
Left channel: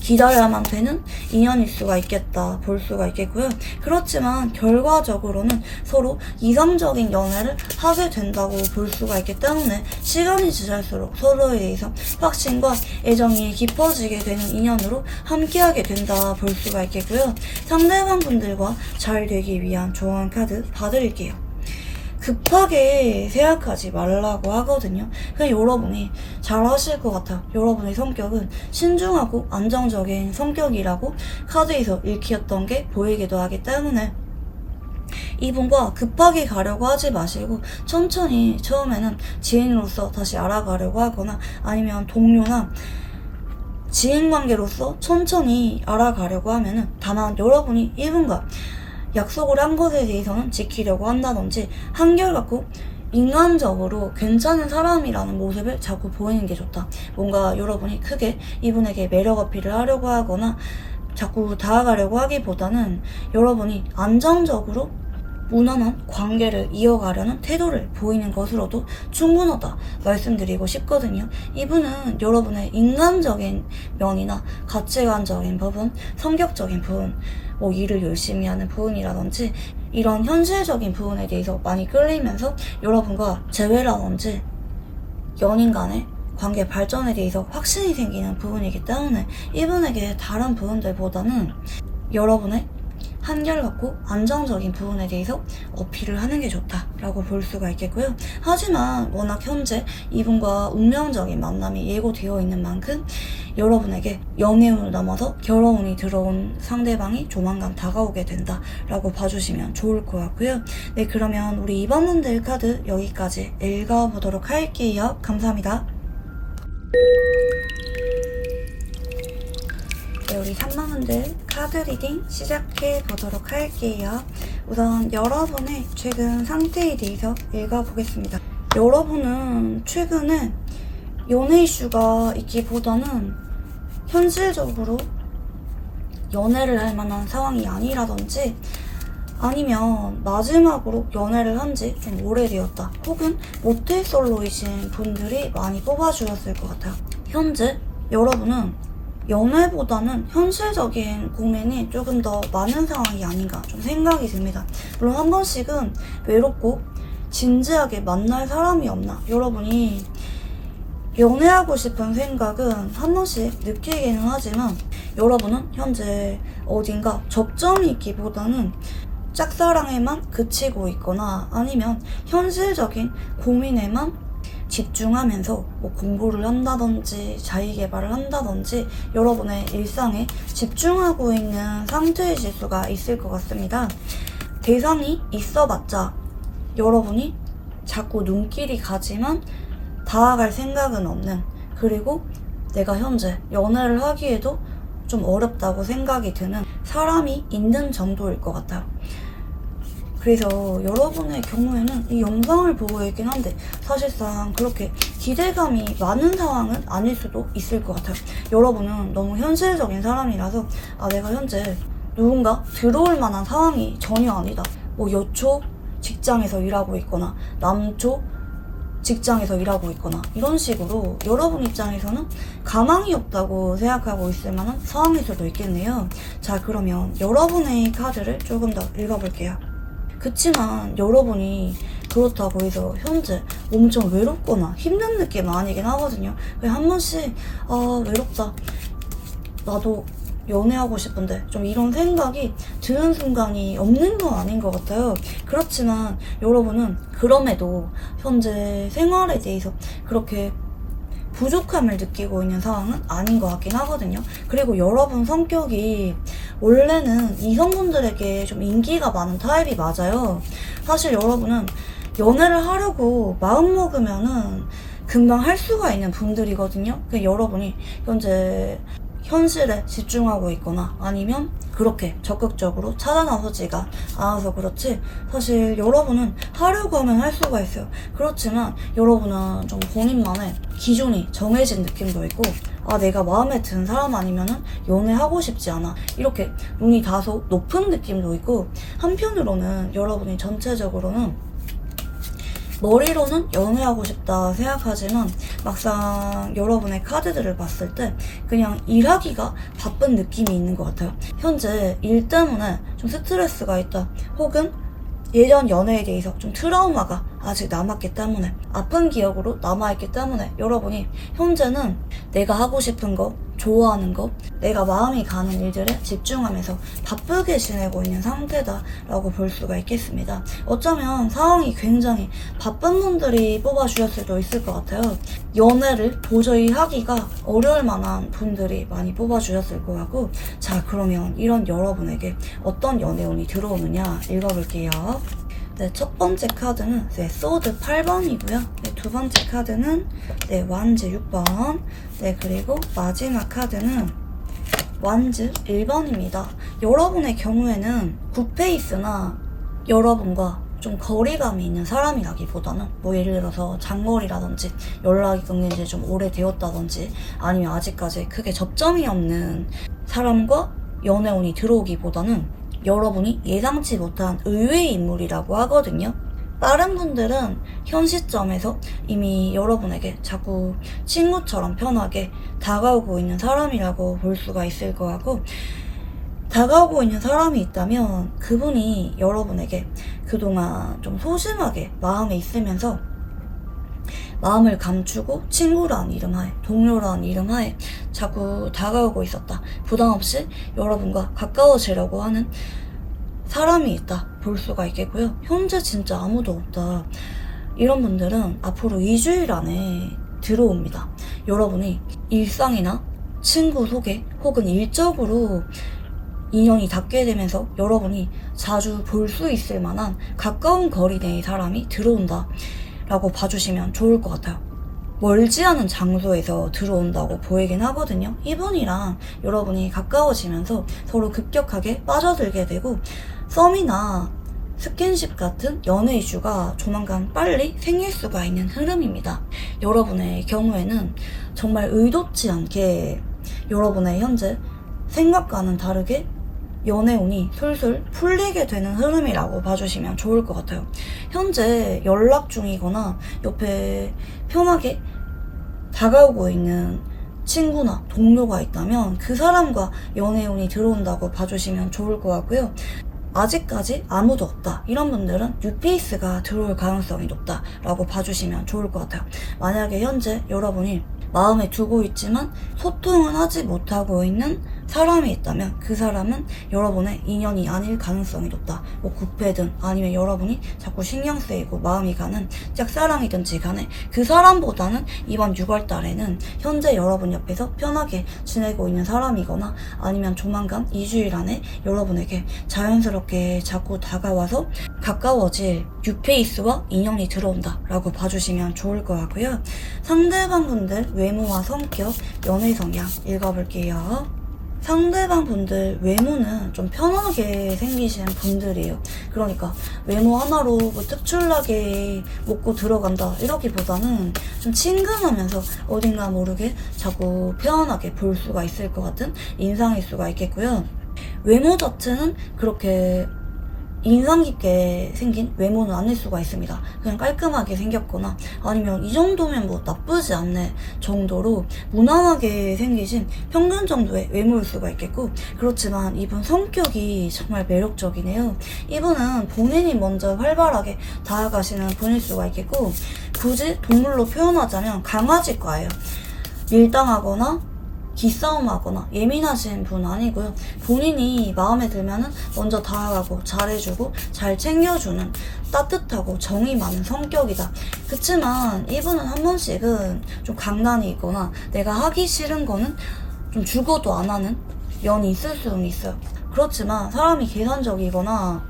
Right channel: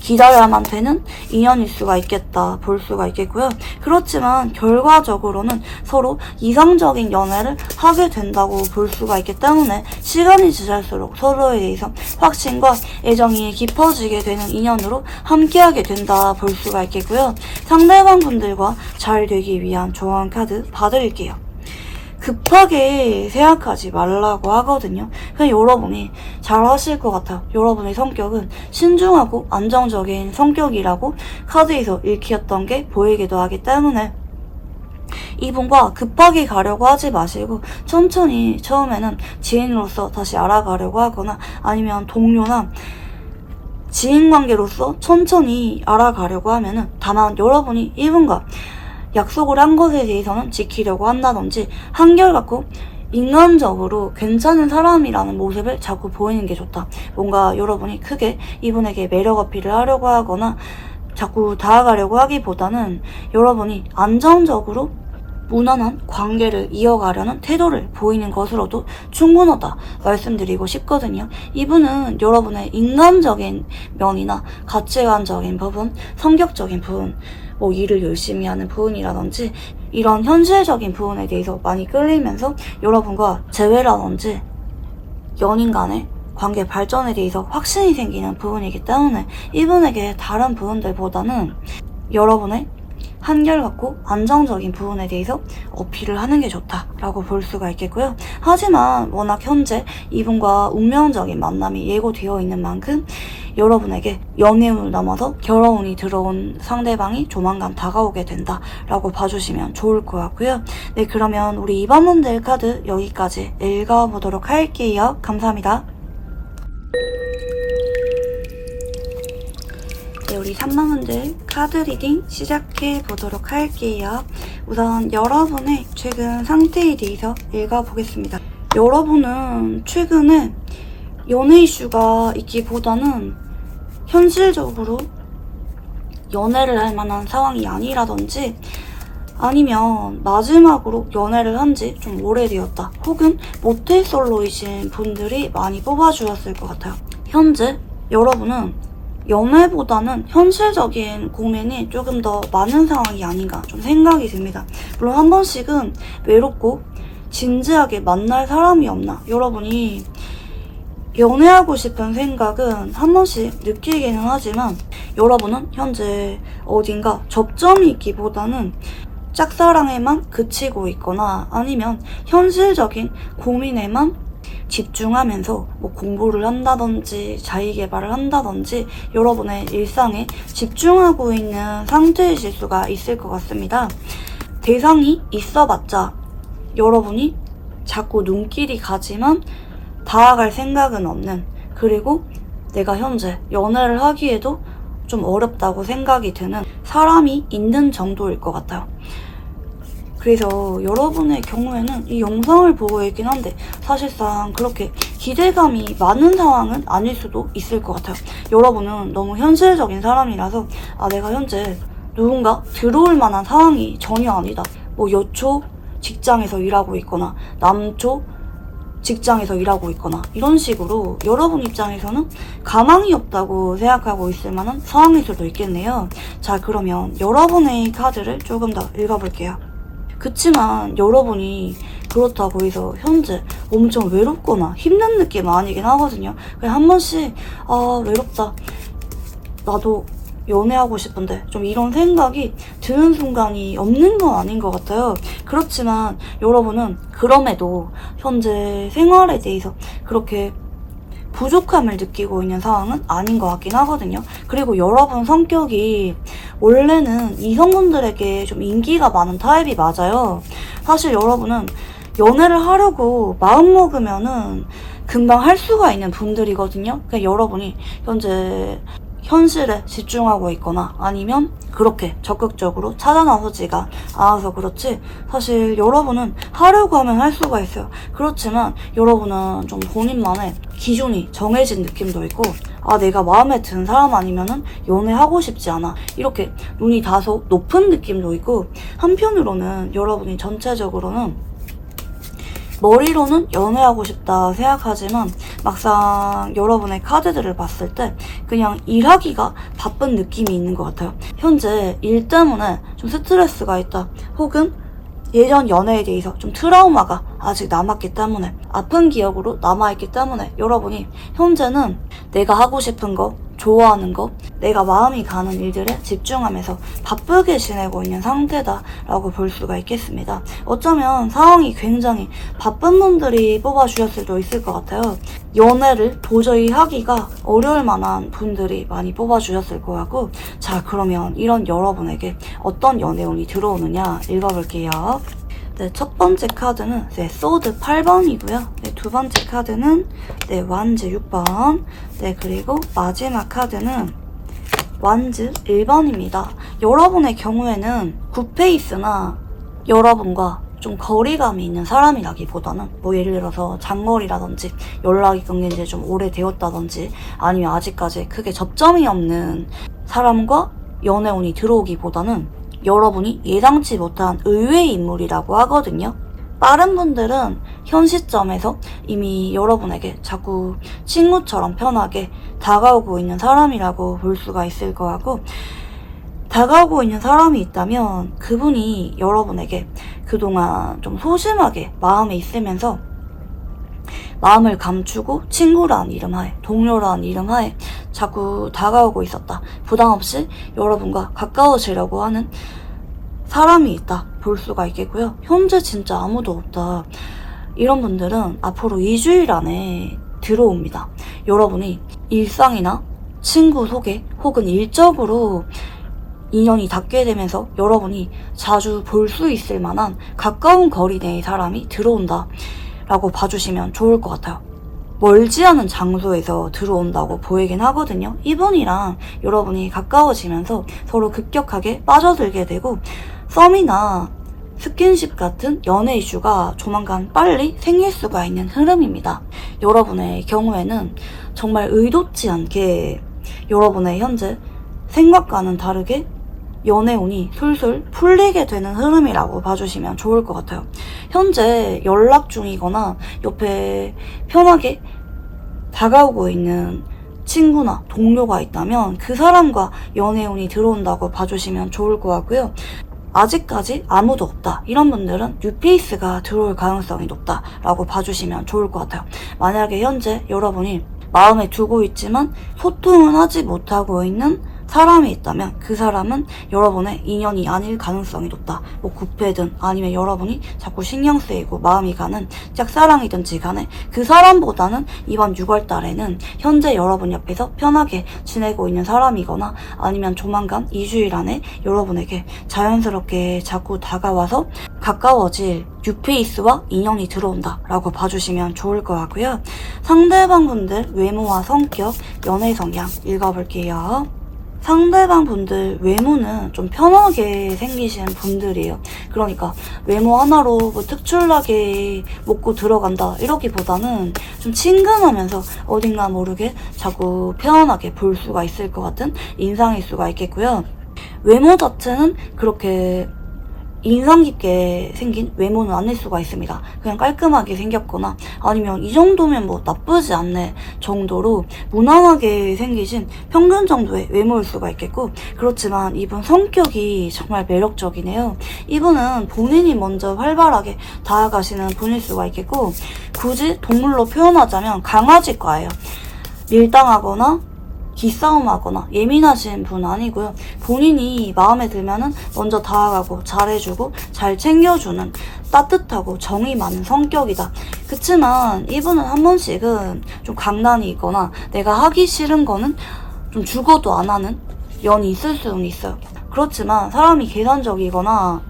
기다려야만 되는 인연일 수가 있겠다 볼 수가 있겠고요. 그렇지만 결과적으로는 서로 이상적인 연애를 하게 된다고 볼 수가 있기 때문에 시간이 지날수록 서로에 대해서 확신과 애정이 깊어지게 되는 인연으로 함께하게 된다 볼 수가 있겠고요. 상대방 분들과 잘 되기 위한 조언 카드 봐드릴게요. 급하게 생각하지 말라고 하거든요. 그냥 여러분이 잘 하실 것 같아요. 여러분의 성격은 신중하고 안정적인 성격이라고 카드에서 읽혔던 게 보이기도 하기 때문에 이분과 급하게 가려고 하지 마시고 천천히 처음에는 지인으로서 다시 알아가려고 하거나 아니면 동료나 지인관계로서 천천히 알아가려고 하면은 다만 여러분이 이분과 약속을 한 것에 대해서는 지키려고 한다든지 한결같고 인간적으로 괜찮은 사람이라는 모습을 자꾸 보이는 게 좋다. 뭔가 여러분이 크게 이분에게 매력 어필을 하려고 하거나 자꾸 다가가려고 하기보다는 여러분이 안정적으로 무난한 관계를 이어가려는 태도를 보이는 것으로도 충분하다 말씀드리고 싶거든요. 이분은 여러분의 인간적인 면이나 가치관적인 부분, 성격적인 부분, 뭐 일을 열심히 하는 부분이라든지 이런 현실적인 부분에 대해서 많이 끌리면서 여러분과 재회라든지 연인 간의 관계 발전에 대해서 확신이 생기는 부분이기 때문에 이분에게 다른 부분들보다는 여러분의 한결같고 안정적인 부분에 대해서 어필을 하는 게 좋다라고 볼 수가 있겠고요. 하지만 워낙 현재 이분과 운명적인 만남이 예고되어 있는 만큼 여러분에게 연애운을 넘어서 결혼운이 들어온 상대방이 조만간 다가오게 된다라고 봐주시면 좋을 것 같고요. 네, 그러면 우리 2번 분들 카드 여기까지 읽어보도록 할게요. 감사합니다. 네, 우리 3번 분들 카드 리딩 시작해 보도록 할게요. 우선 여러분의 최근 상태에 대해서 읽어보겠습니다. 여러분은 최근에 연애 이슈가 있기보다는 현실적으로 연애를 할 만한 상황이 아니라든지 아니면 마지막으로 연애를 한 지 좀 오래되었다 혹은 모태솔로이신 분들이 많이 뽑아주었을 것 같아요. 현재 여러분은 연애보다는 현실적인 고민이 조금 더 많은 상황이 아닌가 좀 생각이 듭니다. 물론 한 번씩은 외롭고 진지하게 만날 사람이 없나, 여러분이 연애하고 싶은 생각은 한 번씩 느끼기는 하지만 여러분은 현재 어딘가 접점이 있기보다는 짝사랑에만 그치고 있거나 아니면 현실적인 고민에만 집중하면서 뭐 공부를 한다든지 자기계발을 한다든지 여러분의 일상에 집중하고 있는 상태이실 수가 있을 것 같습니다. 대상이 있어봤자 여러분이 자꾸 눈길이 가지만 다가갈 생각은 없는, 그리고 내가 현재 연애를 하기에도 좀 어렵다고 생각이 드는 사람이 있는 정도일 것 같아요. 그래서 여러분의 경우에는 이 영상을 보고 있긴 한데 사실상 그렇게 기대감이 많은 상황은 아닐 수도 있을 것 같아요. 여러분은 너무 현실적인 사람이라서 내가 현재 누군가 들어올 만한 상황이 전혀 아니다. 뭐 여초 직장에서 일하고 있거나 남초 직장에서 일하고 있거나 이런 식으로 여러분 입장에서는 가망이 없다고 생각하고 있을 만한 상황일 수도 있겠네요. 자, 그러면 여러분의 카드를 조금 더 읽어볼게요. 그치만 여러분이 그렇다고 해서 현재 엄청 외롭거나 힘든 느낌 아니긴 하거든요. 그냥 한 번씩 외롭다, 나도 연애하고 싶은데 좀 이런 생각이 드는 순간이 없는 건 아닌 것 같아요. 그렇지만 여러분은 그럼에도 현재 생활에 대해서 그렇게 부족함을 느끼고 있는 상황은 아닌 것 같긴 하거든요. 그리고 여러분 성격이 원래는 이성분들에게 좀 인기가 많은 타입이 맞아요. 사실 여러분은 연애를 하려고 마음먹으면은 금방 할 수가 있는 분들이거든요. 그러니까 여러분이 현실에 집중하고 있거나 아니면 그렇게 적극적으로 찾아 나서지가 않아서 그렇지, 사실 여러분은 하려고 하면 할 수가 있어요. 그렇지만 여러분은 좀 본인만의 기준이 정해진 느낌도 있고, 내가 마음에 드는 사람 아니면은 연애하고 싶지 않아, 이렇게 눈이 다소 높은 느낌도 있고, 한편으로는 여러분이 전체적으로는 머리로는 연애하고 싶다 생각하지만 막상 여러분의 카드들을 봤을 때 그냥 일하기가 바쁜 느낌이 있는 것 같아요. 현재 일 때문에 좀 스트레스가 있다, 혹은 예전 연애에 대해서 좀 트라우마가 아직 남았기 때문에, 아픈 기억으로 남아있기 때문에 여러분이 현재는 내가 하고 싶은 거, 좋아하는 거, 내가 마음이 가는 일들에 집중하면서 바쁘게 지내고 있는 상태다라고 볼 수가 있겠습니다. 어쩌면 상황이 굉장히 바쁜 분들이 뽑아주셨을 수도 있을 것 같아요. 연애를 도저히 하기가 어려울 만한 분들이 많이 뽑아주셨을 것 같고, 자, 그러면 이런 여러분에게 어떤 연애운이 들어오느냐 읽어볼게요. 네, 첫 번째 카드는 소드 8번이고요. 네, 두 번째 카드는 완즈 6번. 네, 그리고 마지막 카드는 완즈 1번입니다. 여러분의 경우에는 굿페이스나 여러분과 좀 거리감이 있는 사람이라기보다는 예를 들어서 장거리라든지 연락이 끊긴 지 좀 오래되었다든지 아니면 아직까지 크게 접점이 없는 사람과 연애운이 들어오기보다는 여러분이 예상치 못한 의외의 인물이라고 하거든요. 빠른 분들은 현 시점에서 이미 여러분에게 자꾸 친구처럼 편하게 다가오고 있는 사람이라고 볼 수가 있을 것 같고, 다가오고 있는 사람이 있다면 그분이 여러분에게 그동안 좀 소심하게 마음에 있으면서 마음을 감추고 친구라는 이름 하에, 동료라는 이름 하에 자꾸 다가오고 있었다, 부담없이 여러분과 가까워지려고 하는 사람이 있다 볼 수가 있겠고요. 현재 진짜 아무도 없다, 이런 분들은 앞으로 2주일 안에 들어옵니다. 여러분이 일상이나 친구 소개 혹은 일적으로 인연이 닿게 되면서 여러분이 자주 볼 수 있을 만한 가까운 거리 내의 사람이 들어온다 라고 봐주시면 좋을 것 같아요. 멀지 않은 장소에서 들어온다고 보이긴 하거든요. 이분이랑 여러분이 가까워지면서 서로 급격하게 빠져들게 되고, 썸이나 스킨십 같은 연애 이슈가 조만간 빨리 생길 수가 있는 흐름입니다. 여러분의 경우에는 정말 의도치 않게 여러분의 현재 생각과는 다르게 연애운이 술술 풀리게 되는 흐름이라고 봐주시면 좋을 것 같아요. 현재 연락 중이거나 옆에 편하게 다가오고 있는 친구나 동료가 있다면 그 사람과 연애운이 들어온다고 봐주시면 좋을 것 같고요. 아직까지 아무도 없다, 이런 분들은 뉴페이스가 들어올 가능성이 높다라고 봐주시면 좋을 것 같아요. 만약에 현재 여러분이 마음에 두고 있지만 소통을 하지 못하고 있는 사람이 있다면 그 사람은 여러분의 인연이 아닐 가능성이 높다. 굿패든 아니면 여러분이 자꾸 신경 쓰이고 마음이 가는 짝사랑이든지 간에 그 사람보다는 이번 6월 달에는 현재 여러분 옆에서 편하게 지내고 있는 사람이거나 아니면 조만간 2주일 안에 여러분에게 자연스럽게 자꾸 다가와서 가까워질 뉴페이스와 인연이 들어온다 라고 봐주시면 좋을 것 같고요. 상대방 분들 외모와 성격, 연애 성향 읽어볼게요. 상대방 분들 외모는 좀 편하게 생기신 분들이에요. 그러니까 외모 하나로 특출나게 먹고 들어간다 이러기보다는 좀 친근하면서 어딘가 모르게 자꾸 편안하게 볼 수가 있을 것 같은 인상일 수가 있겠고요. 외모 자체는 그렇게 인상 깊게 생긴 외모는 아닐 수가 있습니다. 그냥 깔끔하게 생겼거나 아니면 이 정도면 나쁘지 않네 정도로 무난하게 생기신 평균 정도의 외모일 수가 있겠고, 그렇지만 이분 성격이 정말 매력적이네요. 이분은 본인이 먼저 활발하게 다가가시는 분일 수가 있겠고, 굳이 동물로 표현하자면 강아지과예요. 밀당하거나 기싸움하거나 예민하신 분 아니고요. 본인이 마음에 들면은 먼저 다가가고 잘해주고 잘 챙겨주는 따뜻하고 정이 많은 성격이다. 그치만 이분은 한 번씩은 좀 강단이 있거나 내가 하기 싫은 거는 좀 죽어도 안 하는 연이 있을 수는 있어요. 그렇지만 사람이 계산적이거나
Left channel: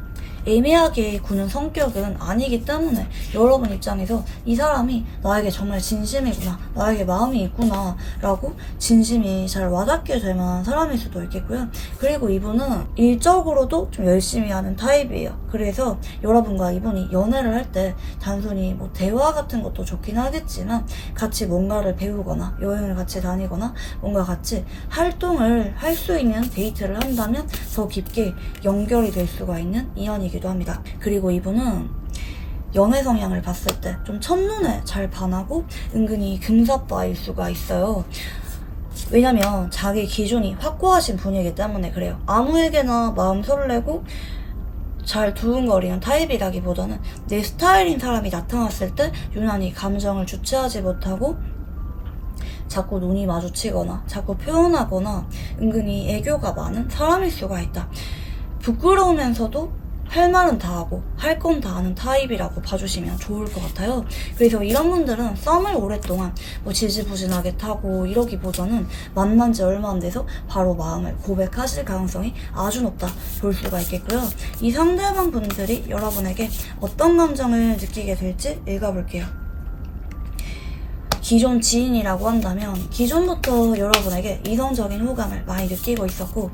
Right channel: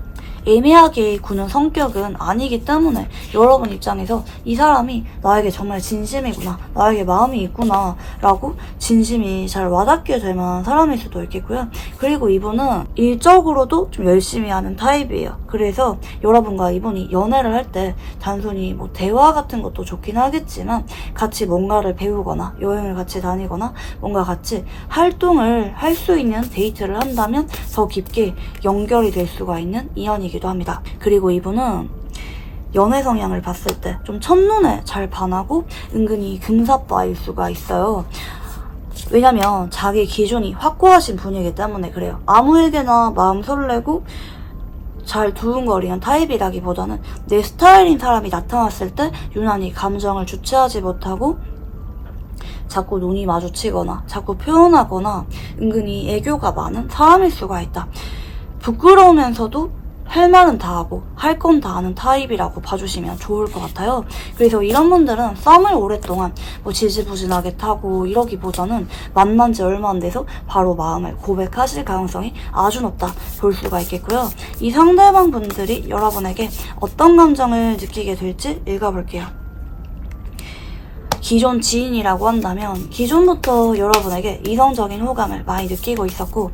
애매하게 구는 성격은 아니기 때문에 여러분 입장에서 이 사람이 나에게 정말 진심이구나, 나에게 마음이 있구나 라고 진심이 잘 와닿게 될 만한 사람일 수도 있겠고요. 그리고 이분은 일적으로도 좀 열심히 하는 타입이에요. 그래서 여러분과 이분이 연애를 할 때 단순히 뭐 대화 같은 것도 좋긴 하겠지만 같이 뭔가를 배우거나 여행을 같이 다니거나 뭔가 같이 활동을 할 수 있는 데이트를 한다면 더 깊게 연결이 될 수가 있는 인연이기도 합니다. 그리고 이분은 연애 성향을 봤을 때 좀 첫눈에 잘 반하고 은근히 금사빠일 수가 있어요. 왜냐면 자기 기준이 확고하신 분이기 때문에 그래요. 아무에게나 마음 설레고 잘 두근거리는 타입이라기보다는 내 스타일인 사람이 나타났을 때 유난히 감정을 주체하지 못하고 자꾸 눈이 마주치거나 자꾸 표현하거나 은근히 애교가 많은 사람일 수가 있다. 부끄러우면서도 할 말은 다 하고 할 건 다 하는 타입이라고 봐주시면 좋을 것 같아요. 그래서 이런 분들은 썸을 오랫동안 뭐 지지부진하게 타고 이러기보다는 만난 지 얼마 안 돼서 바로 마음을 고백하실 가능성이 아주 높다 볼 수가 있겠고요. 이 상대방 분들이 여러분에게 어떤 감정을 느끼게 될지 읽어볼게요. 기존 지인이라고 한다면 기존부터 여러분에게 이성적인 호감을 많이 느끼고 있었고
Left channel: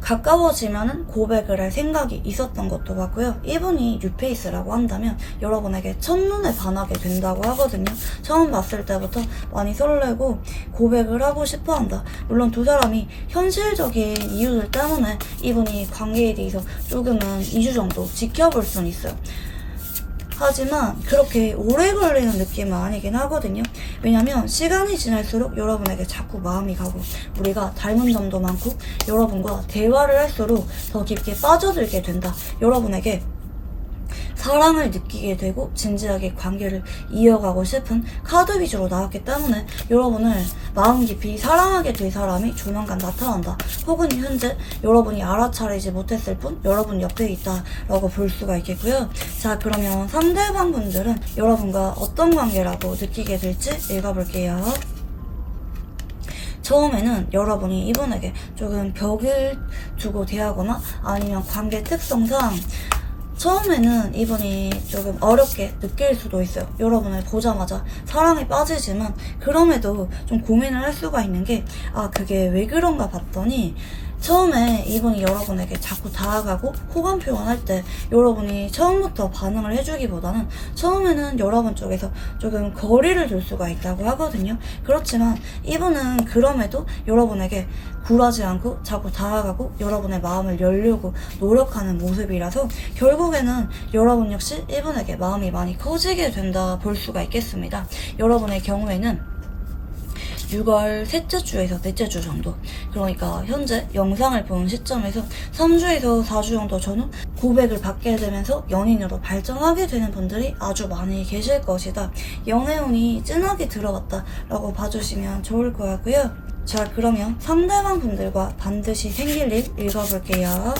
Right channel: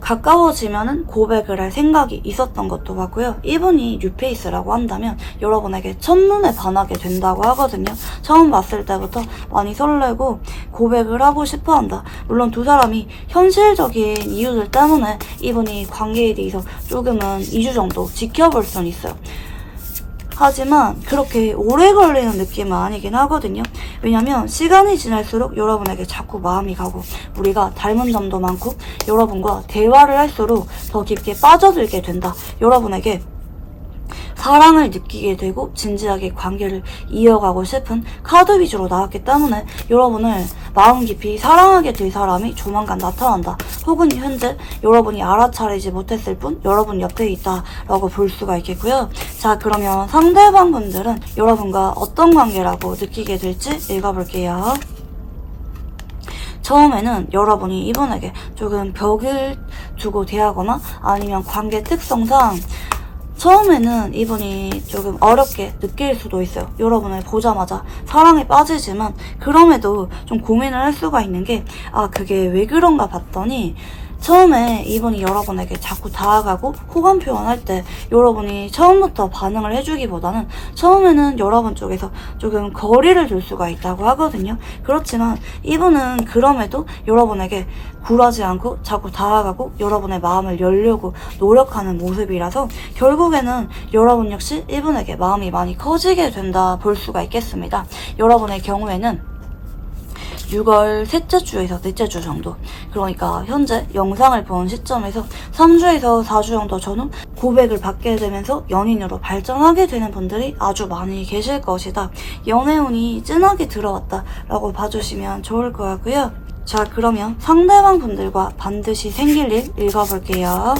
가까워지면은 고백을 할 생각이 있었던 것도 같고요. 이분이 뉴페이스라고 한다면 여러분에게 첫눈에 반하게 된다고 하거든요. 처음 봤을 때부터 많이 설레고 고백을 하고 싶어 한다. 물론 두 사람이 현실적인 이유들 때문에 이분이 관계에 대해서 조금은 2주 정도 지켜볼 수는 있어요. 하지만 그렇게 오래 걸리는 느낌은 아니긴 하거든요. 왜냐면 시간이 지날수록 여러분에게 자꾸 마음이 가고 우리가 닮은 점도 많고 여러분과 대화를 할수록 더 깊게 빠져들게 된다. 여러분에게 사랑을 느끼게 되고 진지하게 관계를 이어가고 싶은 카드 위주로 나왔기 때문에 여러분을 마음 깊이 사랑하게 될 사람이 조만간 나타난다. 혹은 현재 여러분이 알아차리지 못했을 뿐 여러분 옆에 있다라고 볼 수가 있겠고요. 자, 그러면 상대방 분들은 여러분과 어떤 관계라고 느끼게 될지 읽어볼게요. 처음에는 여러분이 이분에게 조금 벽을 두고 대하거나 아니면 관계 특성상 처음에는 이분이 조금 어렵게 느낄 수도 있어요. 여러분을 보자마자 사랑에 빠지지만 그럼에도 좀 고민을 할 수가 있는 게 그게 왜 그런가 봤더니 처음에 이분이 여러분에게 자꾸 다가가고 호감 표현할 때 여러분이 처음부터 반응을 해주기보다는 처음에는 여러분 쪽에서 조금 거리를 둘 수가 있다고 하거든요. 그렇지만 이분은 그럼에도 여러분에게 굴하지 않고 자꾸 다가가고 여러분의 마음을 열려고 노력하는 모습이라서 결국에는 여러분 역시 이분에게 마음이 많이 커지게 된다 볼 수가 있겠습니다. 여러분의 경우에는 6월 셋째 주에서 넷째 주 정도, 그러니까 현재 영상을 본 시점에서 3주에서 4주 정도 전후 고백을 받게 되면서 연인으로 발전하게 되는 분들이 아주 많이 계실 것이다. 연애운이 진하게 들어왔다 라고 봐주시면 좋을 것 같고요. 자, 그러면 상대방 분들과 반드시 생길 일 읽어볼게요.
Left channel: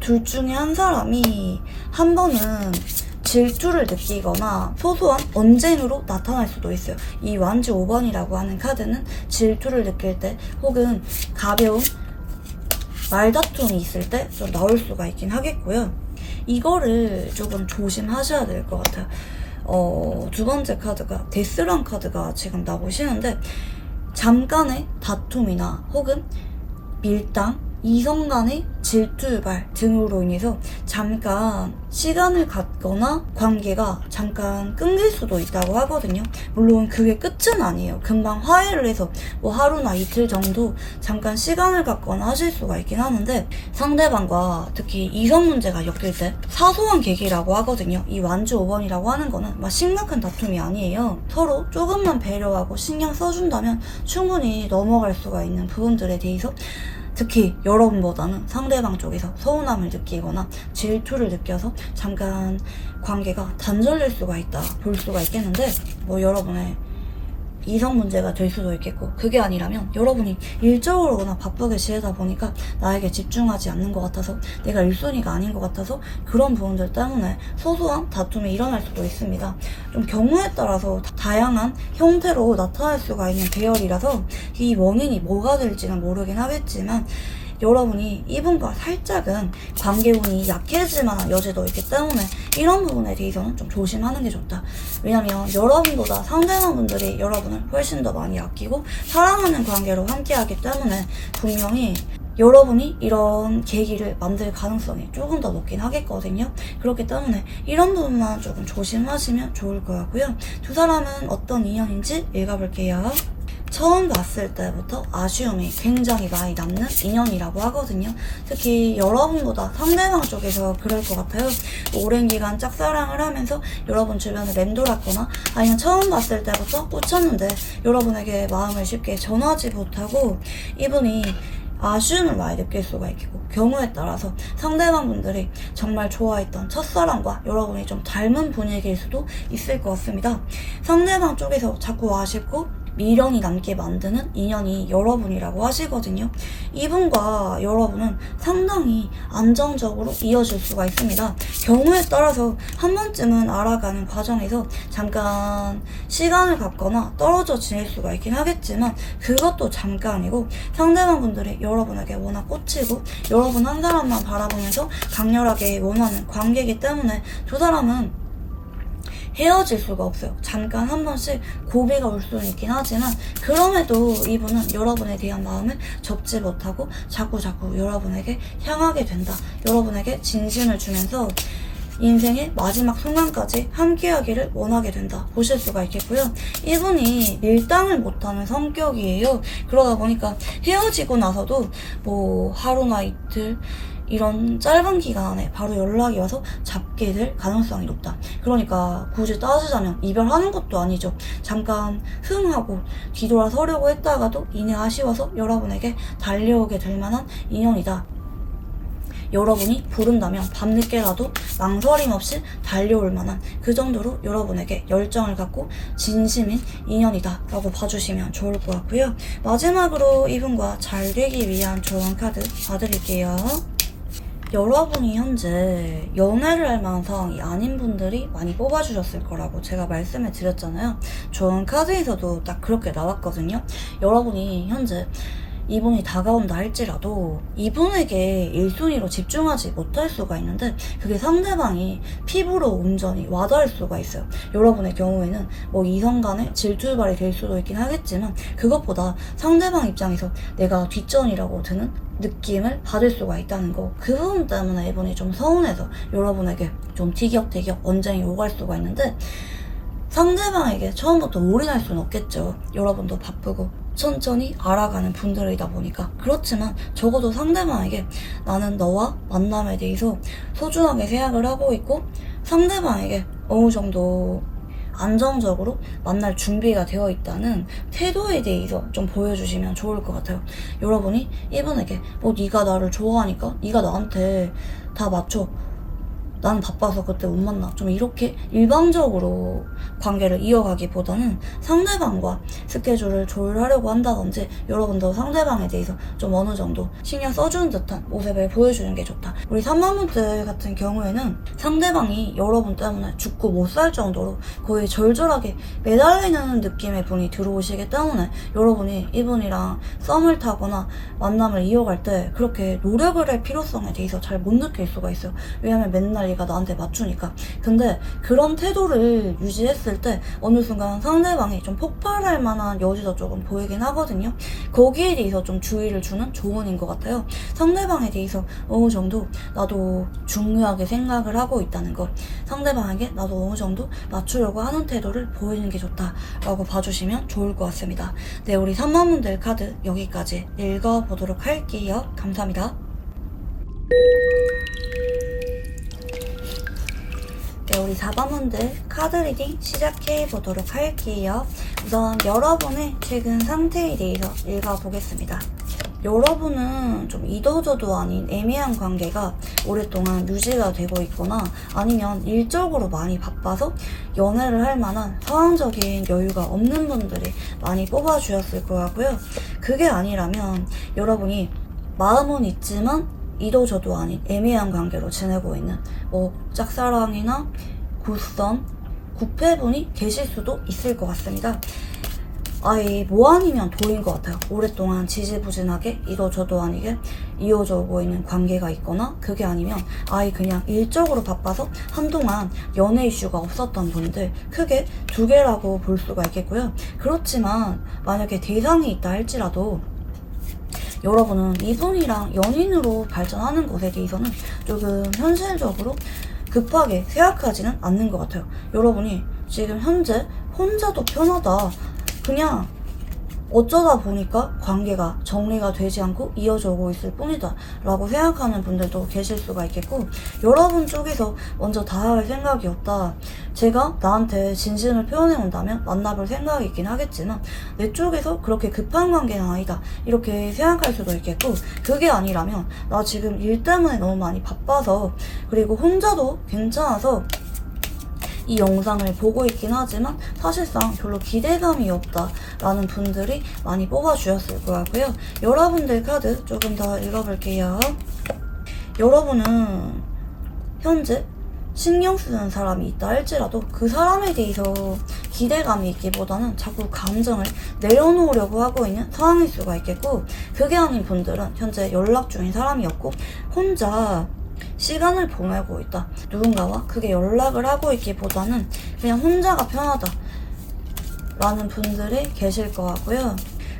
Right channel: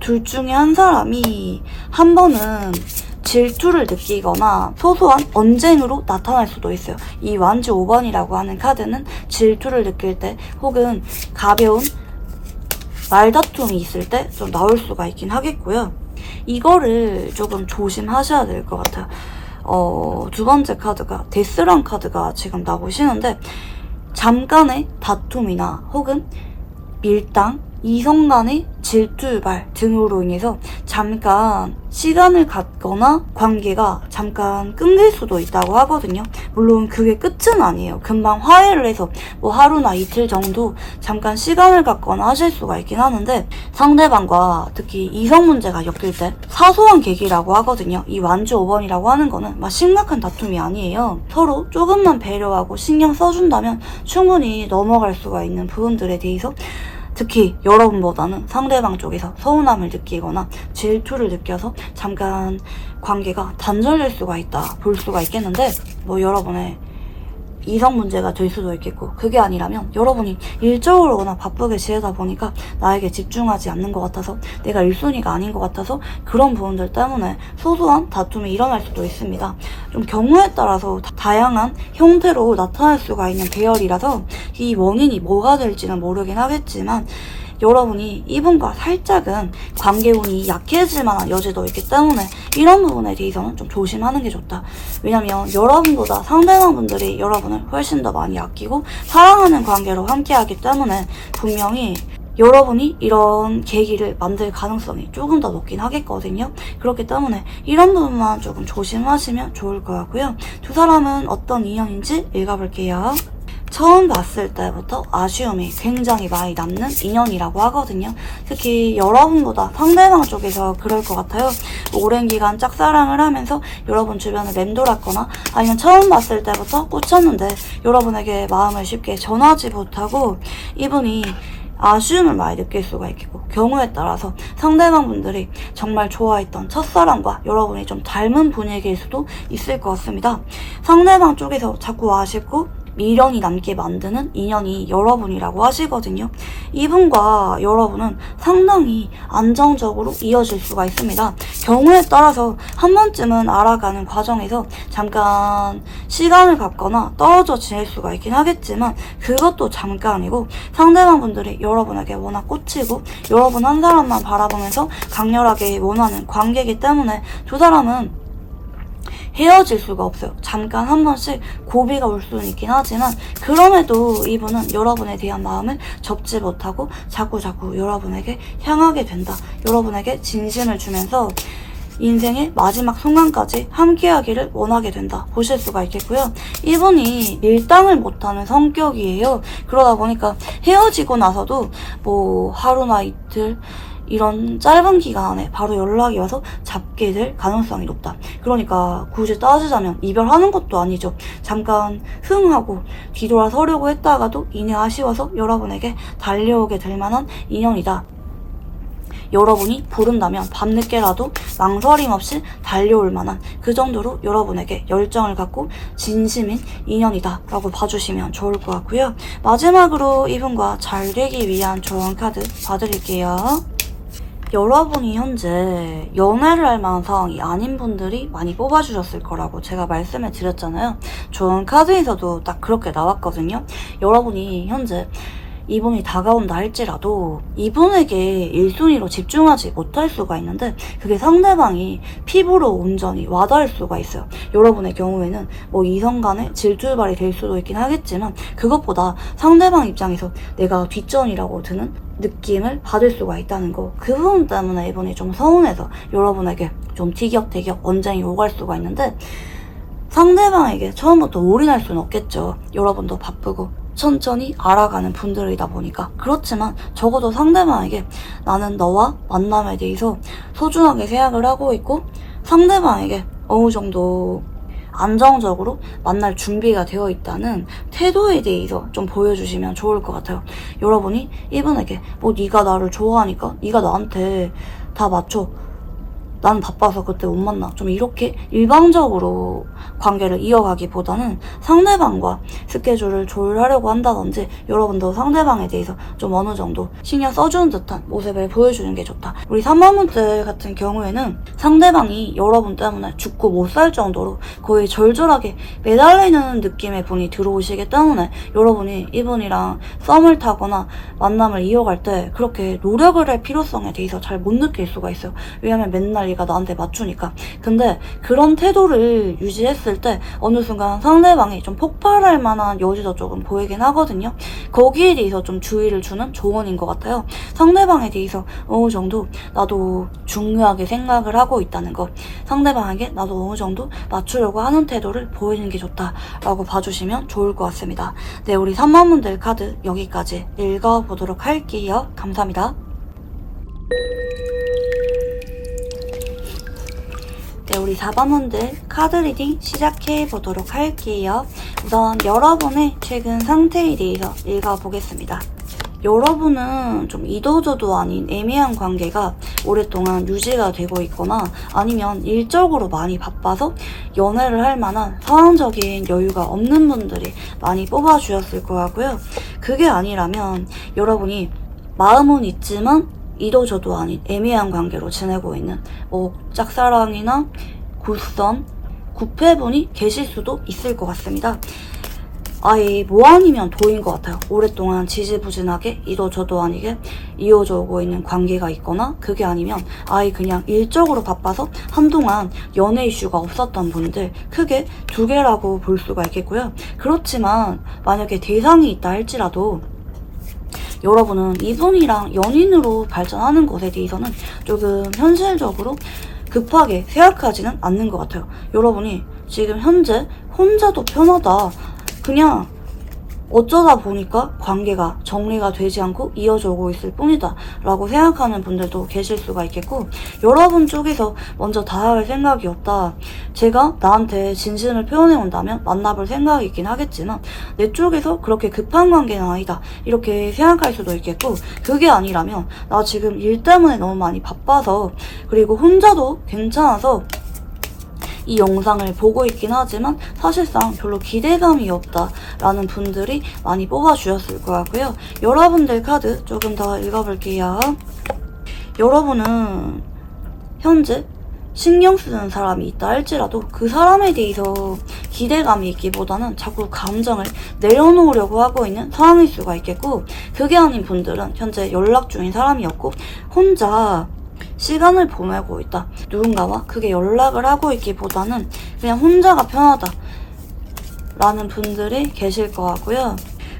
둘 중에 한 사람이 한 번은 질투를 느끼거나 소소한 언쟁으로 나타날 수도 있어요. 이 완주 5번이라고 하는 카드는 질투를 느낄 때 혹은 가벼운 말다툼이 있을 때 좀 나올 수가 있긴 하겠고요. 이거를 조금 조심하셔야 될 것 같아요. 두 번째 카드가 데스란 카드가 지금 나오시는데 잠깐의 다툼이나 혹은 밀당, 이성 간의 질투 유발 등으로 인해서 잠깐 시간을 갖거나 관계가 잠깐 끊길 수도 있다고 하거든요. 물론 그게 끝은 아니에요. 금방 화해를 해서 뭐 하루나 이틀 정도 잠깐 시간을 갖거나 하실 수가 있긴 하는데 상대방과 특히 이성 문제가 엮일 때 사소한 계기라고 하거든요. 이 완주 5번이라고 하는 거는 막 심각한 다툼이 아니에요. 서로 조금만 배려하고 신경 써준다면 충분히 넘어갈 수가 있는 부분들에 대해서 특히 여러분보다는 상대방 쪽에서 서운함을 느끼거나 질투를 느껴서 잠깐 관계가 단절될 수가 있다 볼 수가 있겠는데 뭐 여러분의 이성 문제가 될 수도 있겠고 그게 아니라면 여러분이 일적으로 워낙 바쁘게 지내다 보니까 나에게 집중하지 않는 것 같아서 내가 1순위가 아닌 것 같아서 그런 부분들 때문에 소소한 다툼이 일어날 수도 있습니다. 좀 경우에 따라서 다양한 형태로 나타날 수가 있는 배열이라서 이 원인이 뭐가 될지는 모르긴 하겠지만 여러분이 이분과 살짝은 관계운이 약해질 만한 여지도 있기 때문에 이런 부분에 대해서는 좀 조심하는 게 좋다. 왜냐면 여러분보다 상대방분들이 여러분을 훨씬 더 많이 아끼고 사랑하는 관계로 함께하기 때문에 분명히 여러분이 이런 계기를 만들 가능성이 조금 더 높긴 하겠거든요. 그렇기 때문에 이런 부분만 조금 조심하시면 좋을 것 같고요. 두 사람은 어떤 인연인지 읽어볼게요. 처음 봤을 때부터 아쉬움이 굉장히 많이 남는 인연이라고 하거든요. 특히 여러분보다 상대방 쪽에서 그럴 것 같아요. 오랜 기간 짝사랑을 하면서 여러분 주변을 맴돌았거나 아니면 처음 봤을 때부터 꽂혔는데 여러분에게 마음을 쉽게 전하지 못하고 이분이 아쉬움을 많이 느낄 수가 있고 경우에 따라서 상대방분들이 정말 좋아했던 첫사랑과 여러분이 좀 닮은 분위기일 수도 있을 것 같습니다. 상대방 쪽에서 자꾸 아쉽고 미련이 남게 만드는 인연이 여러분이라고 하시거든요. 이분과 여러분은 상당히 안정적으로 이어질 수가 있습니다. 경우에 따라서 한 번쯤은 알아가는 과정에서 잠깐 시간을 갖거나 떨어져 지낼 수가 있긴 하겠지만 그것도 잠깐이고 상대방분들이 여러분에게 워낙 꽂히고 여러분 한 사람만 바라보면서 강렬하게 원하는 관계이기 때문에 두 사람은 헤어질 수가 없어요. 잠깐 한 번씩 고비가 올 수는 있긴 하지만 그럼에도 이분은 여러분에 대한 마음을 접지 못하고 자꾸 여러분에게 향하게 된다. 여러분에게 진심을 주면서 인생의 마지막 순간까지 함께하기를 원하게 된다. 보실 수가 있겠고요. 이분이 밀당을 못하는 성격이에요. 그러다 보니까 헤어지고 나서도 뭐 하루나 이틀 이런 짧은 기간 안에 바로 연락이 와서 잡게 될 가능성이 높다. 그러니까 굳이 따지자면 이별하는 것도 아니죠. 잠깐 흥하고 뒤돌아서려고 했다가도 이내 아쉬워서 여러분에게 달려오게 될 만한 인연이다. 여러분이 부른다면 밤늦게라도 망설임 없이 달려올 만한 그 정도로 여러분에게 열정을 갖고 진심인 인연이다 라고 봐주시면 좋을 것 같고요. 마지막으로 이분과 잘 되기 위한 조언 카드 봐드릴게요. 여러분이 현재 연애를 할 만한 상황이 아닌 분들이 많이 뽑아주셨을 거라고 제가 말씀을 드렸잖아요. 조언 카드에서도 딱 그렇게 나왔거든요. 여러분이 현재 이분이 다가온다 할지라도 이분에게 1순위로 집중하지 못할 수가 있는데 그게 상대방이 피부로 온전히 와닿을 수가 있어요. 여러분의 경우에는 뭐 이성 간의 질투발이 될 수도 있긴 하겠지만 그것보다 상대방 입장에서 내가 뒷전이라고 드는 느낌을 받을 수가 있다는 거. 그 부분 때문에 이분이 좀 서운해서 여러분에게 좀 티격태격 언쟁이 오갈 수가 있는데 상대방에게 처음부터 올인할 수는 없겠죠. 여러분도 바쁘고 천천히 알아가는 분들이다 보니까. 그렇지만 적어도 상대방에게 나는 너와 만남에 대해서 소중하게 생각을 하고 있고 상대방에게 어느 정도 안정적으로 만날 준비가 되어 있다는 태도에 대해서 좀 보여주시면 좋을 것 같아요. 여러분이 이분에게 뭐 네가 나를 좋아하니까 네가 나한테 다 맞춰, 나는 바빠서 그때 못 만나, 좀 이렇게 일방적으로 관계를 이어가기보다는 상대방과 스케줄을 조율하려고 한다든지 여러분도 상대방에 대해서 좀 어느 정도 신경 써주는 듯한 모습을 보여주는 게 좋다. 우리 3번분들 같은 경우에는 상대방이 여러분 때문에 죽고 못 살 정도로 거의 절절하게 매달리는 느낌의 분이 들어오시기 때문에 여러분이 이분이랑 썸을 타거나 만남을 이어갈 때 그렇게 노력을 할 필요성에 대해서 잘 못 느낄 수가 있어요. 왜냐면 맨날 얘가 나한테 맞추니까. 근데 그런 태도를 유지했을 때 어느 순간 상대방이 좀 폭발할 만한 여지도 조금 보이긴 하거든요. 거기에 대해서 좀 주의를 주는 조언인 것 같아요. 상대방에 대해서 어느 정도 나도 중요하게 생각을 하고 있다는 것, 상대방에게 나도 어느 정도 맞추려고 하는 태도를 보이는 게 좋다라고 봐주시면 좋을 것 같습니다. 네, 우리 3번분들 카드 여기까지 읽어보도록 할게요. 감사합니다. 네, 우리 4번분들 카드 리딩 시작해 보도록 할게요. 우선 여러분의 최근 상태에 대해서 읽어보겠습니다. 여러분은 좀 이도저도 아닌 애매한 관계가 오랫동안 유지가 되고 있거나 아니면 일적으로 많이 바빠서 연애를 할 만한 상황적인 여유가 없는 분들이 많이 뽑아주셨을 거고요. 그게 아니라면 여러분이 마음은 있지만 이도저도 아닌 애매한 관계로 지내고 있는 뭐 짝사랑이나 굿선, 구패분이 계실 수도 있을 것 같습니다. 아예 뭐 아니면 도인 것 같아요. 오랫동안 지지부진하게 이도 저도 아니게 이어져 오고 있는 관계가 있거나, 그게 아니면 아예 그냥 일적으로 바빠서 한동안 연애 이슈가 없었던 분들, 크게 두 개라고 볼 수가 있겠고요. 그렇지만 만약에 대상이 있다 할지라도 여러분은 이분이랑 연인으로 발전하는 것에 대해서는 조금 현실적으로 급하게 생각하지는 않는 것 같아요. 여러분이 지금 현재 혼자도 편하다, 그냥 어쩌다 보니까 관계가 정리가 되지 않고 이어져 오고 있을 뿐이다 라고 생각하는 분들도 계실 수가 있겠고, 여러분 쪽에서 먼저 다가갈 생각이 없다, 제가 나한테 진심을 표현해 온다면 만나볼 생각이 있긴 하겠지만 내 쪽에서 그렇게 급한 관계는 아니다 이렇게 생각할 수도 있겠고, 그게 아니라면 나 지금 일 때문에 너무 많이 바빠서, 그리고 혼자도 괜찮아서 이 영상을 보고 있긴 하지만 사실상 별로 기대감이 없다라는 분들이 많이 뽑아주셨을 것 같고요. 여러분들 카드 조금 더 읽어볼게요. 여러분은 현재 신경 쓰는 사람이 있다 할지라도 그 사람에 대해서 기대감이 있기보다는 자꾸 감정을 내려놓으려고 하고 있는 상황일 수가 있겠고, 그게 아닌 분들은 현재 연락 중인 사람이었고 혼자 시간을 보내고 있다, 누군가와 크게 연락을 하고 있기보다는 그냥 혼자가 편하다 라는 분들이 계실 것 같고요.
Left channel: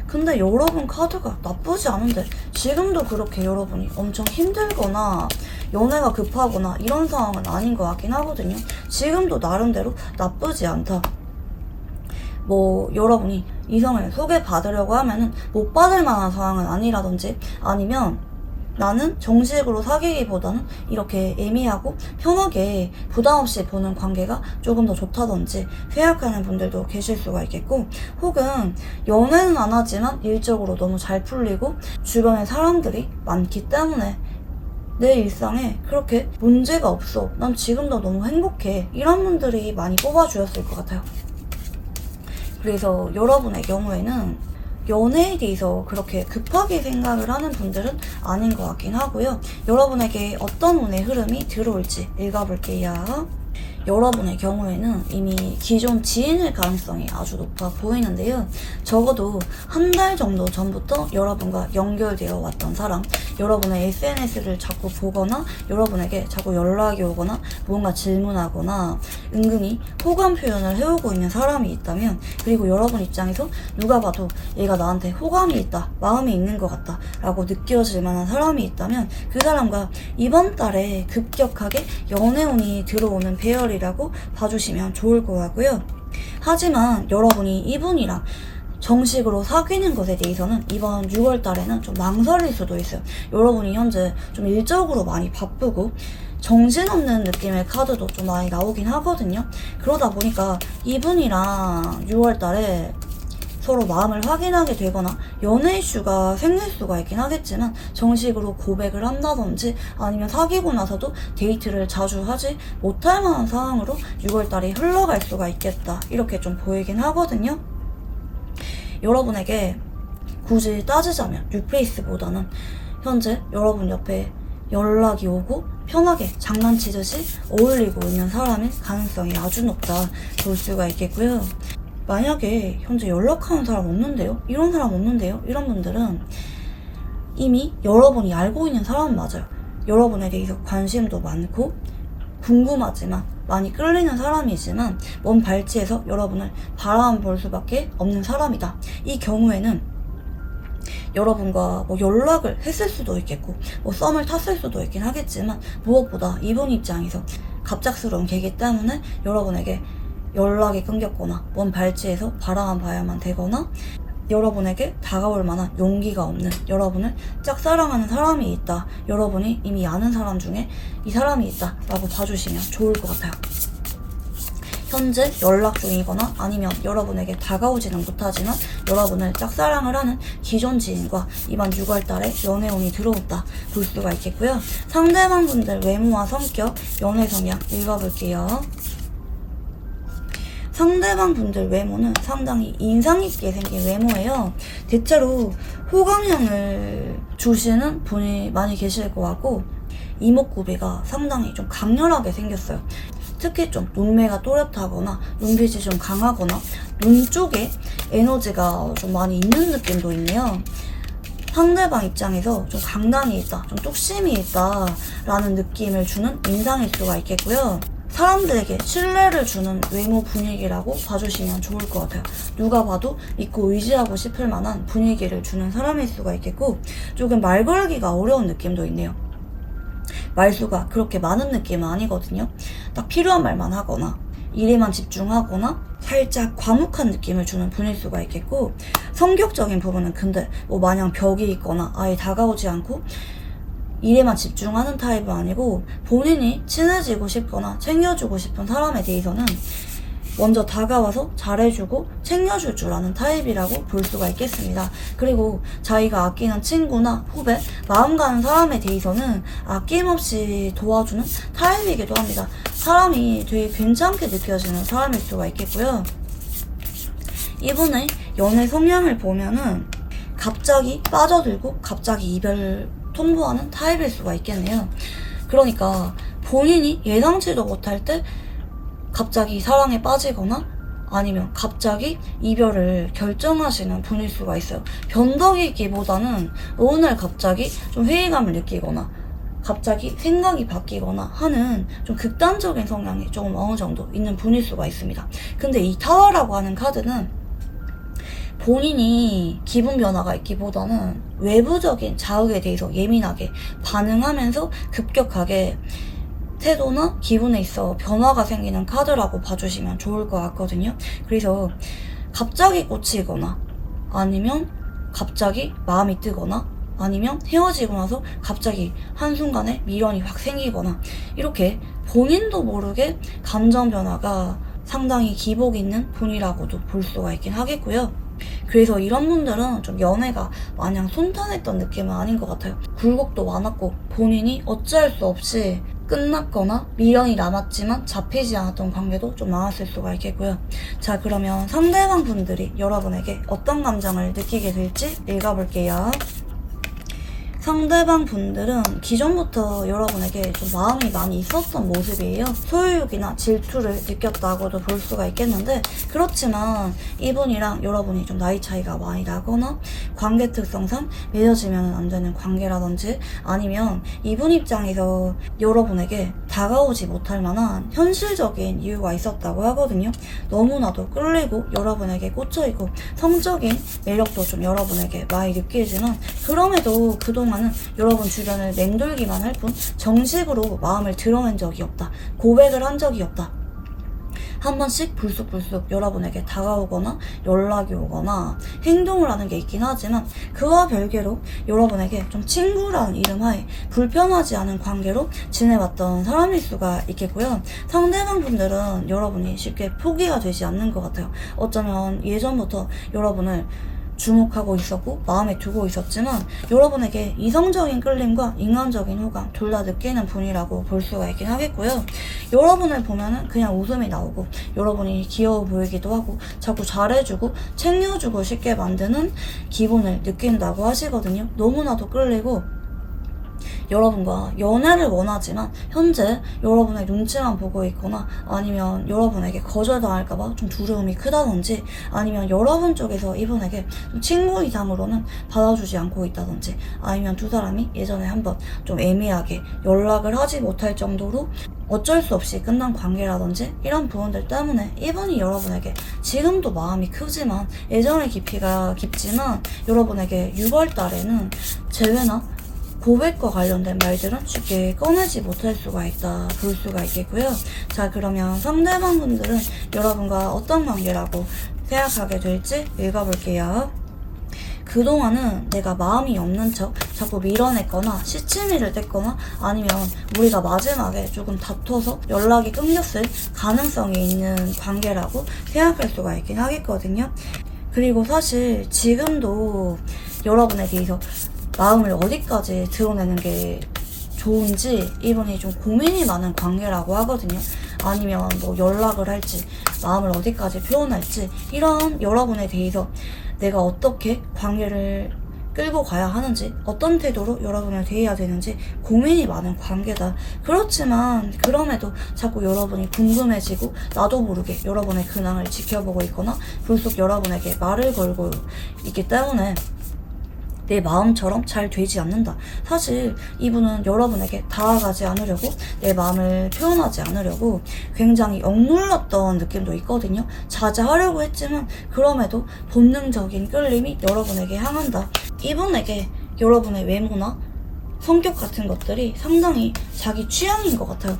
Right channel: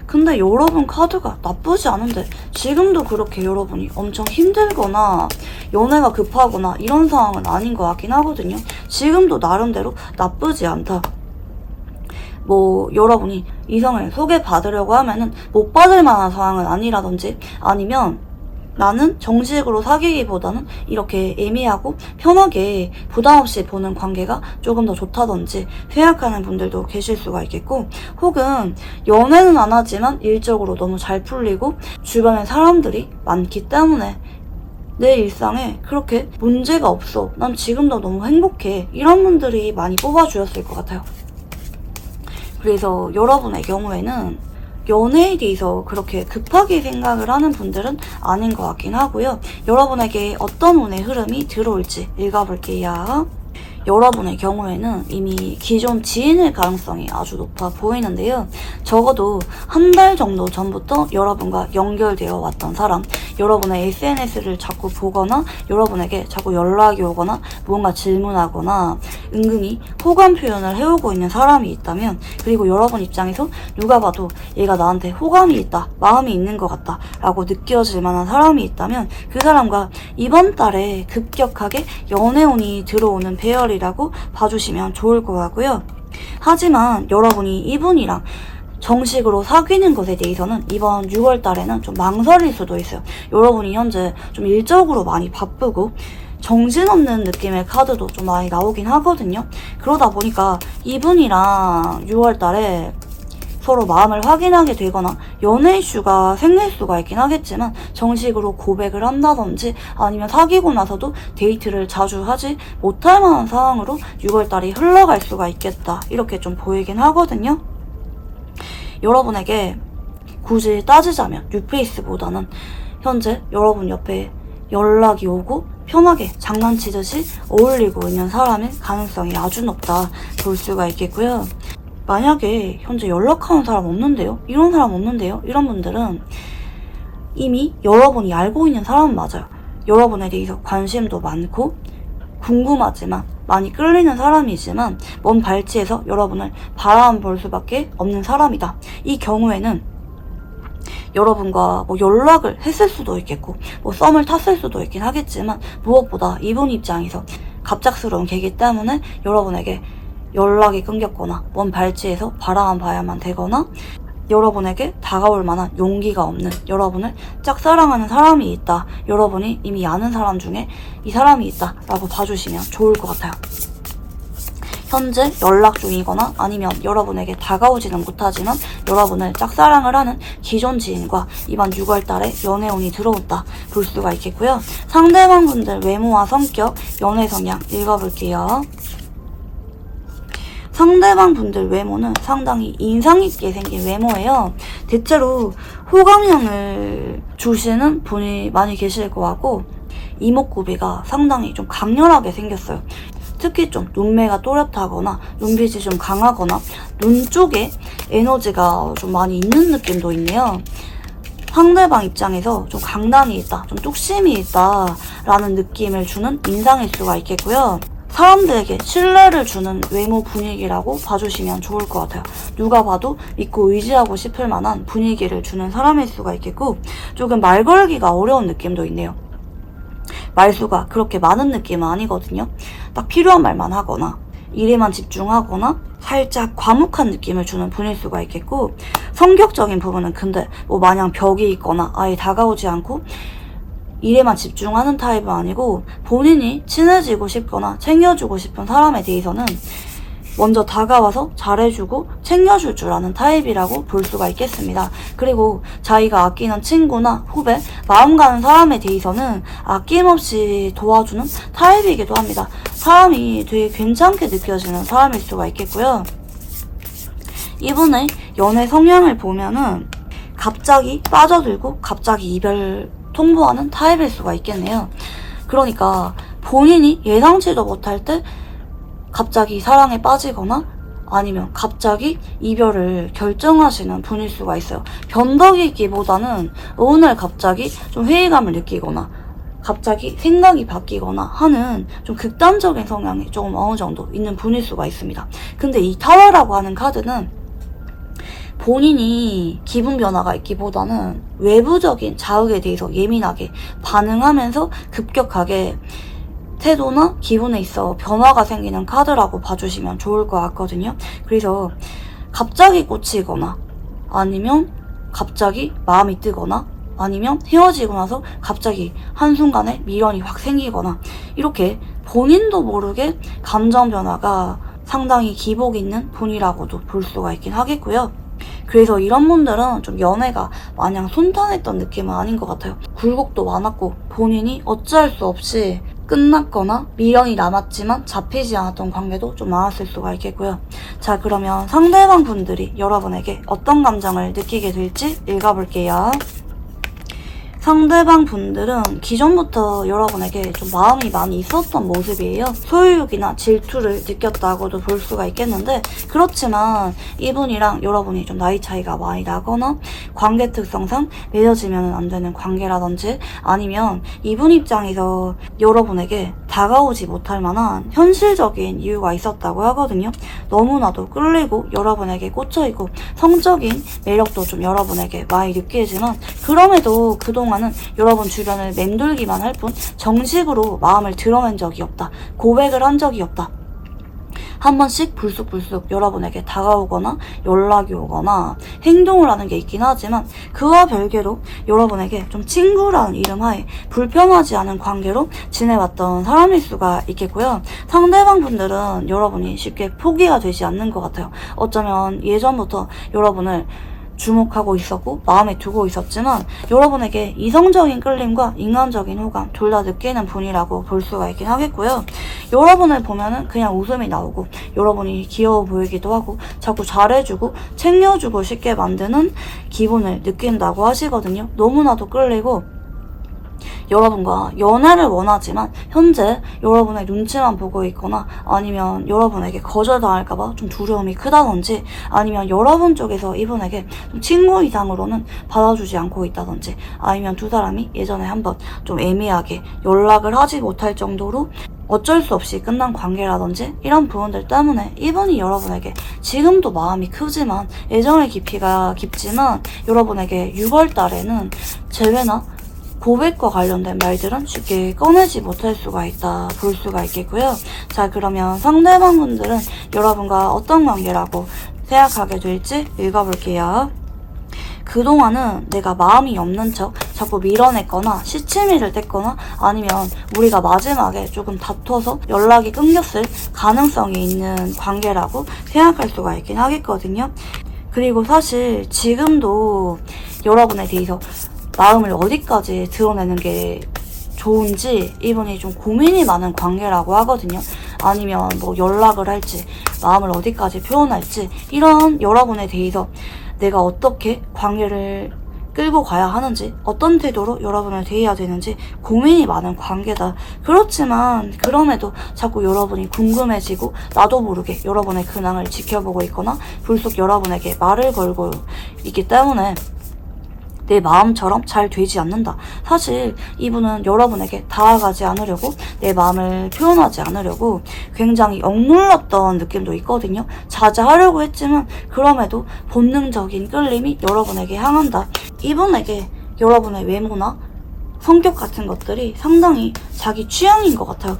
근데 여러분 카드가 나쁘지 않은데 지금도 그렇게 여러분이 엄청 힘들거나 연애가 급하거나 이런 상황은 아닌 것 같긴 하거든요. 지금도 나름대로 나쁘지 않다. 뭐 여러분이 이성을 소개받으려고 하면은 못 받을 만한 상황은 아니라든지, 아니면 나는 정식으로 사귀기보다는 이렇게 애매하고 편하게 부담 없이 보는 관계가 조금 더 좋다든지 생각하는 분들도 계실 수가 있겠고, 혹은 연애는 안 하지만 일적으로 너무 잘 풀리고 주변에 사람들이 많기 때문에 내 일상에 그렇게 문제가 없어, 난 지금도 너무 행복해, 이런 분들이 많이 뽑아주셨을 것 같아요. 그래서 여러분의 경우에는 연애에 대해서 그렇게 급하게 생각을 하는 분들은 아닌 것 같긴 하고요. 여러분에게 어떤 운의 흐름이 들어올지 읽어볼게요. 여러분의 경우에는 이미 기존 지인일 가능성이 아주 높아 보이는데요. 적어도 한 달 정도 전부터 여러분과 연결되어 왔던 사람, 여러분의 SNS를 자꾸 보거나 여러분에게 자꾸 연락이 오거나 뭔가 질문하거나 은근히 호감 표현을 해오고 있는 사람이 있다면, 그리고 여러분 입장에서 누가 봐도 얘가 나한테 호감이 있다, 마음이 있는 것 같다 라고 느껴질 만한 사람이 있다면 그 사람과 이번 달에 급격하게 연애운이 들어오는 배열이라고 봐주시면 좋을 것 같고요. 하지만 여러분이 이분이랑 정식으로 사귀는 것에 대해서는 이번 6월 달에는 좀 망설일 수도 있어요. 여러분이 현재 좀 일적으로 많이 바쁘고 정신없는 느낌의 카드도 좀 많이 나오긴 하거든요. 그러다 보니까 이분이랑 6월 달에 서로 마음을 확인하게 되거나 연애 이슈가 생길 수가 있긴 하겠지만 정식으로 고백을 한다든지 아니면 사귀고 나서도 데이트를 자주 하지 못할 만한 상황으로 6월달이 흘러갈 수가 있겠다, 이렇게 좀 보이긴 하거든요. 여러분에게 굳이 따지자면 뉴페이스보다는 현재 여러분 옆에 연락이 오고 편하게 장난치듯이 어울리고 있는 사람일 가능성이 아주 높다 볼 수가 있겠고요. 만약에 현재 연락하는 사람 없는데요? 이런 사람 없는데요? 이런 분들은 이미 여러분이 알고 있는 사람은 맞아요. 여러분에 대해서 관심도 많고 궁금하지만 많이 끌리는 사람이지만 먼 발치에서 여러분을 바라볼 수밖에 없는 사람이다. 이 경우에는 여러분과 뭐 연락을 했을 수도 있겠고 뭐 썸을 탔을 수도 있긴 하겠지만 무엇보다 이분 입장에서 갑작스러운 계기 때문에 여러분에게 연락이 끊겼거나 먼 발치에서 바라봐야만 되거나 여러분에게 다가올 만한 용기가 없는, 여러분을 짝사랑하는 사람이 있다, 여러분이 이미 아는 사람 중에 이 사람이 있다 라고 봐주시면 좋을 것 같아요. 현재 연락 중이거나 아니면 여러분에게 다가오지는 못하지만 여러분을 짝사랑을 하는 기존 지인과 이번 6월달에 연애운이 들어온다 볼 수가 있겠고요. 상대방 분들 외모와 성격, 연애 성향 읽어볼게요. 상대방 분들 외모는 상당히 인상있게 생긴 외모예요. 대체로 호감형을 주시는 분이 많이 계실 것 같고 이목구비가 상당히 좀 강렬하게 생겼어요. 특히 좀 눈매가 또렷하거나 눈빛이 좀 강하거나 눈 쪽에 에너지가 좀 많이 있는 느낌도 있네요. 상대방 입장에서 좀 강단이 있다, 좀 뚝심이 있다라는 느낌을 주는 인상일 수가 있겠고요. 사람들에게 신뢰를 주는 외모 분위기라고 봐주시면 좋을 것 같아요. 누가 봐도 믿고 의지하고 싶을 만한 분위기를 주는 사람일 수가 있겠고, 조금 말 걸기가 어려운 느낌도 있네요. 말수가 그렇게 많은 느낌은 아니거든요. 딱 필요한 말만 하거나 일에만 집중하거나 살짝 과묵한 느낌을 주는 분일 수가 있겠고, 성격적인 부분은 근데 뭐 마냥 벽이 있거나 아예 다가오지 않고 일에만 집중하는 타입은 아니고, 본인이 친해지고 싶거나 챙겨주고 싶은 사람에 대해서는 먼저 다가와서 잘해주고 챙겨줄 줄 아는 타입이라고 볼 수가 있겠습니다. 그리고 자기가 아끼는 친구나 후배, 마음 가는 사람에 대해서는 아낌없이 도와주는 타입이기도 합니다. 사람이 되게 괜찮게 느껴지는 사람일 수가 있겠고요. 이분의 연애 성향을 보면은 갑자기 빠져들고 갑자기 이별 통보하는 타입일 수가 있겠네요. 그러니까 본인이 예상치도 못할 때 갑자기 사랑에 빠지거나 아니면 갑자기 이별을 결정하시는 분일 수가 있어요. 변덕이기보다는 오늘 갑자기 좀 회의감을 느끼거나 갑자기 생각이 바뀌거나 하는 좀 극단적인 성향이 조금 어느 정도 있는 분일 수가 있습니다. 근데 이 타워라고 하는 카드는 본인이 기분 변화가 있기보다는 외부적인 자극에 대해서 예민하게 반응하면서 급격하게 태도나 기분에 있어 변화가 생기는 카드라고 봐주시면 좋을 것 같거든요. 그래서 갑자기 꽂히거나 아니면 갑자기 마음이 뜨거나 아니면 헤어지고 나서 갑자기 한순간에 미련이 확 생기거나 이렇게 본인도 모르게 감정 변화가 상당히 기복 있는 분이라고도 볼 수가 있긴 하겠고요. 그래서 이런 분들은 좀 연애가 마냥 순탄했던 느낌은 아닌 것 같아요. 굴곡도 많았고 본인이 어찌할 수 없이 끝났거나 미련이 남았지만 잡히지 않았던 관계도 좀 많았을 수가 있겠고요. 자, 그러면 상대방 분들이 여러분에게 어떤 감정을 느끼게 될지 읽어볼게요. 상대방 분들은 기존부터 여러분에게 좀 마음이 많이 있었던 모습이에요. 소유욕이나 질투를 느꼈다고도 볼 수가 있겠는데, 그렇지만 이분이랑 여러분이 좀 나이 차이가 많이 나거나 관계 특성상 맺어지면 안 되는 관계라든지 아니면 이분 입장에서 여러분에게 다가오지 못할 만한 현실적인 이유가 있었다고 하거든요. 너무나도 끌리고 여러분에게 꽂혀있고 성적인 매력도 좀 여러분에게 많이 느끼지만, 그럼에도 그동안은 여러분 주변을 맴돌기만 할 뿐 정식으로 마음을 드러낸 적이 없다, 고백을 한 적이 없다. 한 번씩 불쑥불쑥 여러분에게 다가오거나 연락이 오거나 행동을 하는 게 있긴 하지만, 그와 별개로 여러분에게 좀 친구라는 이름 하에 불편하지 않은 관계로 지내왔던 사람일 수가 있겠고요. 상대방 분들은 여러분이 쉽게 포기가 되지 않는 것 같아요. 어쩌면 예전부터 여러분을 주목하고 있었고 마음에 두고 있었지만, 여러분에게 이성적인 끌림과 인간적인 호감 둘 다 느끼는 분이라고 볼 수가 있긴 하겠고요. 여러분을 보면은 그냥 웃음이 나오고 여러분이 귀여워 보이기도 하고 자꾸 잘해주고 챙겨주고 싶게 만드는 기분을 느낀다고 하시거든요. 너무나도 끌리고 여러분과 연애를 원하지만 현재 여러분의 눈치만 보고 있거나 아니면 여러분에게 거절당할까봐 좀 두려움이 크다든지 아니면 여러분 쪽에서 이분에게 좀 친구 이상으로는 받아주지 않고 있다든지 아니면 두 사람이 예전에 한번 좀 애매하게 연락을 하지 못할 정도로 어쩔 수 없이 끝난 관계라든지 이런 부분들 때문에 이분이 여러분에게 지금도 마음이 크지만 애정의 깊이가 깊지만 여러분에게 6월 달에는 재회나 고백과 관련된 말들은 쉽게 꺼내지 못할 수가 있다 볼 수가 있겠고요. 자, 그러면 상대방 분들은 여러분과 어떤 관계라고 생각하게 될지 읽어볼게요. 그동안은 내가 마음이 없는 척 자꾸 밀어냈거나 시치미를 뗐거나 아니면 우리가 마지막에 조금 다퉈서 연락이 끊겼을 가능성이 있는 관계라고 생각할 수가 있긴 하겠거든요. 그리고 사실 지금도 여러분에 대해서 마음을 어디까지 드러내는 게 좋은지 이분이 좀 고민이 많은 관계라고 하거든요. 아니면 뭐 연락을 할지 마음을 어디까지 표현할지 이런 여러분에 대해서 내가 어떻게 관계를 끌고 가야 하는지, 어떤 태도로 여러분을 대해야 되는지 고민이 많은 관계다. 그렇지만 그럼에도 자꾸 여러분이 궁금해지고 나도 모르게 여러분의 근황을 지켜보고 있거나 불쑥 여러분에게 말을 걸고 있기 때문에 내 마음처럼 잘 되지 않는다. 사실 이분은 여러분에게 다가가지 않으려고, 내 마음을 표현하지 않으려고 굉장히 억눌렀던 느낌도 있거든요. 자제하려고 했지만 그럼에도 본능적인 끌림이 여러분에게 향한다. 이분에게 여러분의 외모나 성격 같은 것들이 상당히 자기 취향인 것 같아요.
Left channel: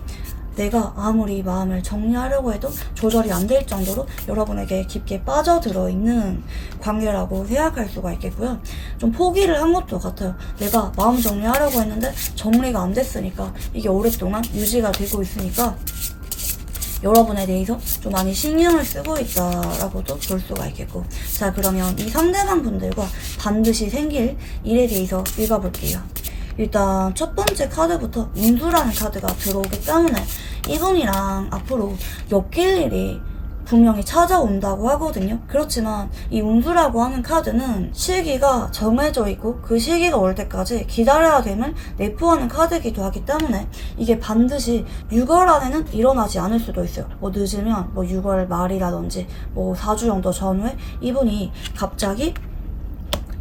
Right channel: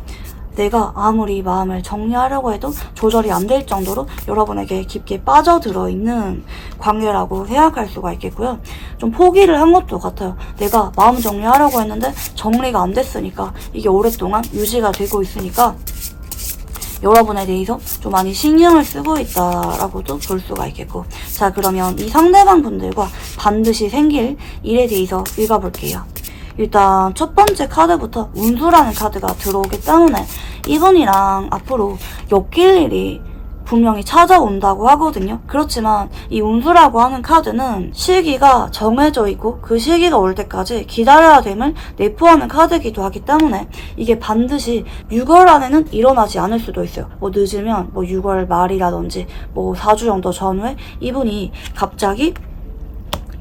내가 아무리 마음을 정리하려고 해도 조절이 안 될 정도로 여러분에게 깊게 빠져들어 있는 관계라고 생각할 수가 있겠고요. 좀 포기를 한 것도 같아요. 내가 마음 정리하려고 했는데 정리가 안 됐으니까, 이게 오랫동안 유지가 되고 있으니까 여러분에 대해서 좀 많이 신경을 쓰고 있다라고도 볼 수가 있겠고. 자, 그러면 이 상대방 분들과 반드시 생길 일에 대해서 읽어볼게요. 일단 첫 번째 카드부터 운수라는 카드가 들어오기 때문에 이분이랑 앞으로 엮일 일이 분명히 찾아온다고 하거든요. 그렇지만 이 운수라고 하는 카드는 시기가 정해져 있고 그 시기가 올 때까지 기다려야 됨을 내포하는 카드이기도 하기 때문에 이게 반드시 6월 안에는 일어나지 않을 수도 있어요. 뭐 늦으면 뭐 6월 말이라든지 뭐 4주 정도 전후에 이분이 갑자기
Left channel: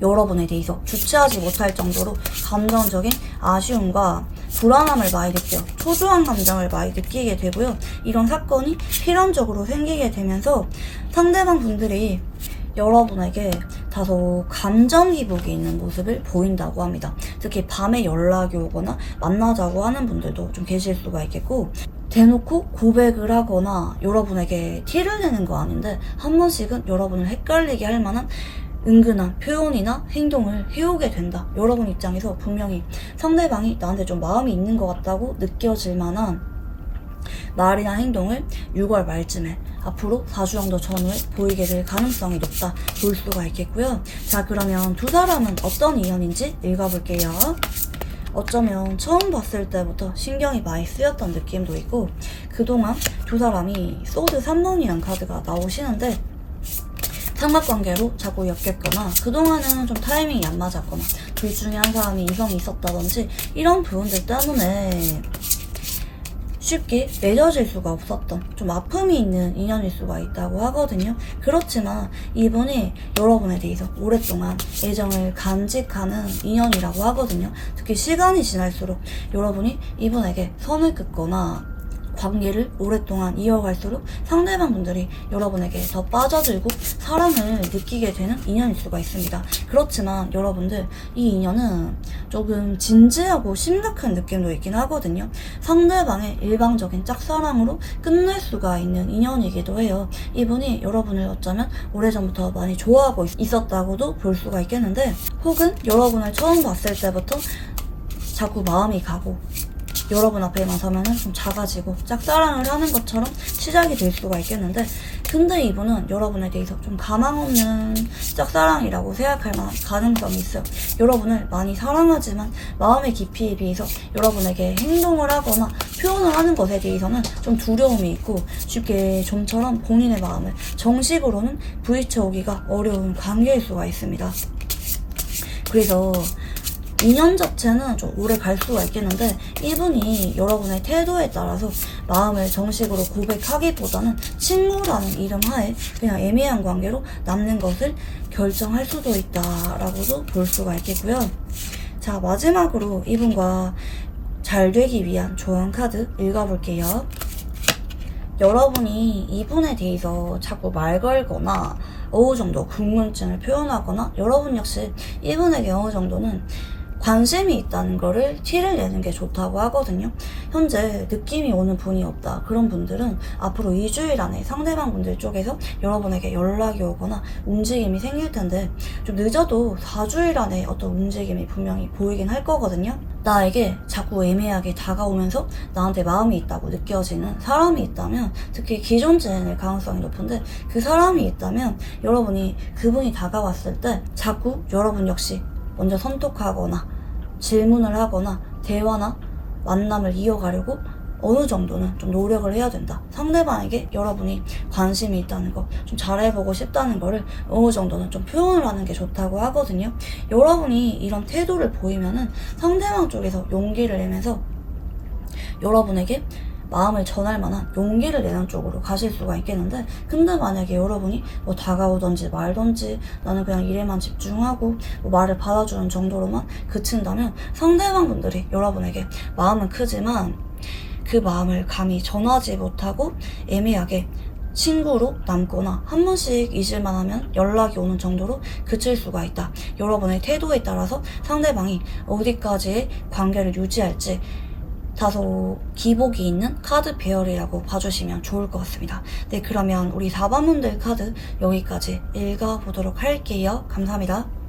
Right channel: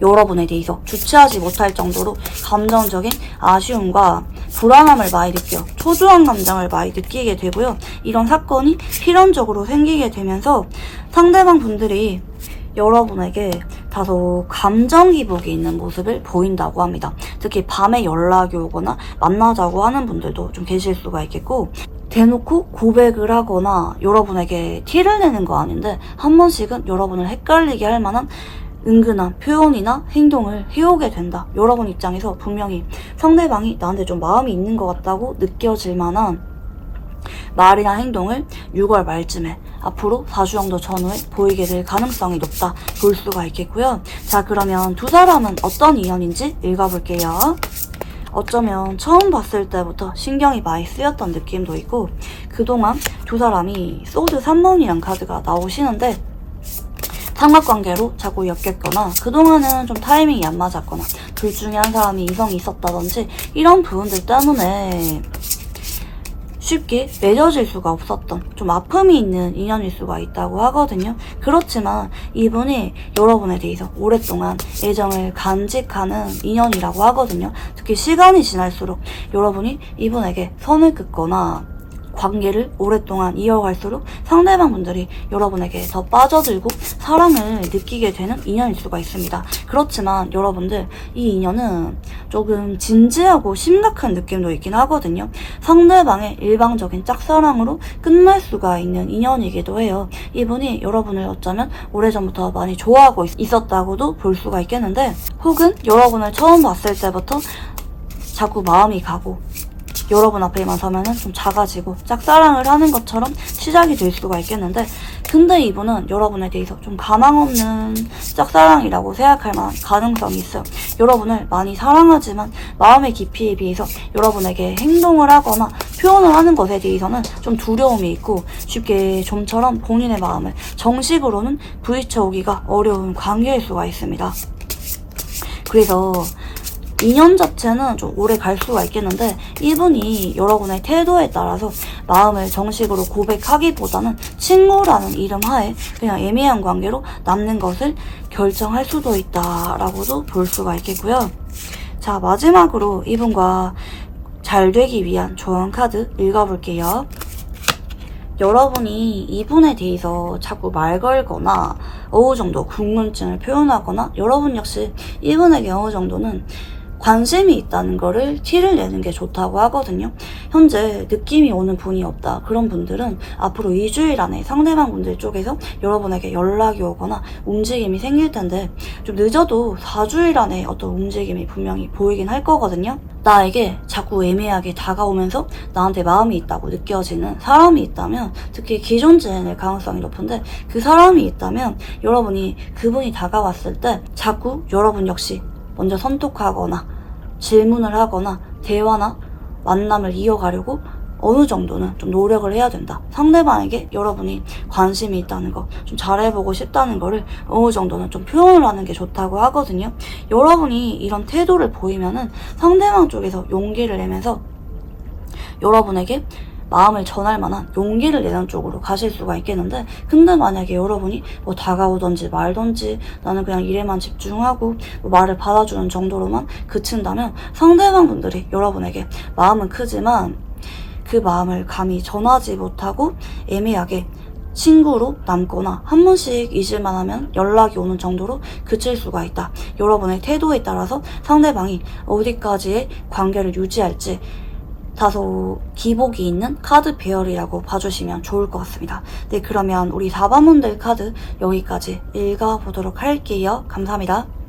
여러분에 대해서 주체하지 못할 정도로 감정적인 아쉬움과 불안함을 많이 느껴, 초조한 감정을 많이 느끼게 되고요. 이런 사건이 필연적으로 생기게 되면서 상대방 분들이 여러분에게 다소 감정 기복이 있는 모습을 보인다고 합니다. 특히 밤에 연락이 오거나 만나자고 하는 분들도 좀 계실 수가 있겠고, 대놓고 고백을 하거나 여러분에게 티를 내는 거 아닌데 한 번씩은 여러분을 헷갈리게 할 만한 은근한 표현이나 행동을 해오게 된다. 여러분 입장에서 분명히 상대방이 나한테 좀 마음이 있는 것 같다고 느껴질 만한 말이나 행동을 6월 말쯤에 앞으로 4주 정도 전후에 보이게 될 가능성이 높다 볼 수가 있겠고요. 자, 그러면 두 사람은 어떤 인연인지 읽어볼게요. 어쩌면 처음 봤을 때부터 신경이 많이 쓰였던 느낌도 있고, 그동안 두 사람이 소드 3번이란 카드가 나오시는데 삼각관계로 자꾸 엮였거나 그동안은 좀 타이밍이 안 맞았거나 둘 중에 한 사람이 이성이 있었다든지 이런 부분들 때문에 쉽게 맺어질 수가 없었던 좀 아픔이 있는 인연일 수가 있다고 하거든요. 그렇지만 이분이 여러분에 대해서 오랫동안 애정을 간직하는 인연이라고 하거든요. 특히 시간이 지날수록 여러분이 이분에게 선을 긋거나 관계를 오랫동안 이어갈수록 상대방 분들이 여러분에게 더 빠져들고 사랑을 느끼게 되는 인연일 수가 있습니다. 그렇지만 여러분들, 이 인연은 조금 진지하고 심각한 느낌도 있긴 하거든요. 상대방의 일방적인 짝사랑으로 끝날 수가 있는 인연이기도 해요. 이분이 여러분을 어쩌면 오래전부터 많이 좋아하고 있었다고도 볼 수가 있겠는데, 혹은 여러분을 처음 봤을 때부터 자꾸 마음이 가고 여러분 앞에만 서면은 좀 작아지고 짝사랑을 하는 것처럼 시작이 될 수가 있겠는데, 근데 이분은 여러분에 대해서 좀 가망 없는 짝사랑이라고 생각할 만한 가능성이 있어요. 여러분을 많이 사랑하지만 마음의 깊이에 비해서 여러분에게 행동을 하거나 표현을 하는 것에 대해서는 좀 두려움이 있고 쉽게 좀처럼 본인의 마음을 정식으로는 부딪혀 오기가 어려운 관계일 수가 있습니다. 그래서 인연 자체는 좀 오래 갈 수가 있겠는데, 이분이 여러분의 태도에 따라서 마음을 정식으로 고백하기보다는 친구라는 이름 하에 그냥 애매한 관계로 남는 것을 결정할 수도 있다라고도 볼 수가 있겠고요. 자, 마지막으로 이분과 잘 되기 위한 조언 카드 읽어볼게요. 여러분이 이분에 대해서 자꾸 말 걸거나 어느 정도 궁금증을 표현하거나 여러분 역시 이분에게 어느 정도는 관심이 있다는 거를 티를 내는 게 좋다고 하거든요. 현재 느낌이 오는 분이 없다. 그런 분들은 앞으로 2주일 안에 상대방 분들 쪽에서 여러분에게 연락이 오거나 움직임이 생길 텐데, 좀 늦어도 4주일 안에 어떤 움직임이 분명히 보이긴 할 거거든요. 나에게 자꾸 애매하게 다가오면서 나한테 마음이 있다고 느껴지는 사람이 있다면, 특히 기존 지인일 가능성이 높은데, 그 사람이 있다면 여러분이 그분이 다가왔을 때 자꾸 여러분 역시 먼저 선톡하거나 질문을 하거나 대화나 만남을 이어가려고 어느 정도는 좀 노력을 해야 된다. 상대방에게 여러분이 관심이 있다는 거, 좀 잘해보고 싶다는 거를 어느 정도는 좀 표현을 하는 게 좋다고 하거든요. 여러분이 이런 태도를 보이면은 상대방 쪽에서 용기를 내면서 여러분에게 마음을 전할 만한 용기를 내는 쪽으로 가실 수가 있겠는데, 근데 만약에 여러분이 뭐 다가오던지 말던지 나는 그냥 일에만 집중하고 뭐 말을 받아주는 정도로만 그친다면 상대방 분들이 여러분에게 마음은 크지만 그 마음을 감히 전하지 못하고 애매하게 친구로 남거나 한 번씩 잊을만 하면 연락이 오는 정도로 그칠 수가 있다. 여러분의 태도에 따라서 상대방이 어디까지의 관계를 유지할지 다소 기복이 있는 카드 배열이라고 봐주시면 좋을 것 같습니다. 네, 그러면 우리 4번분들 카드 여기까지 읽어보도록 할게요. 감사합니다.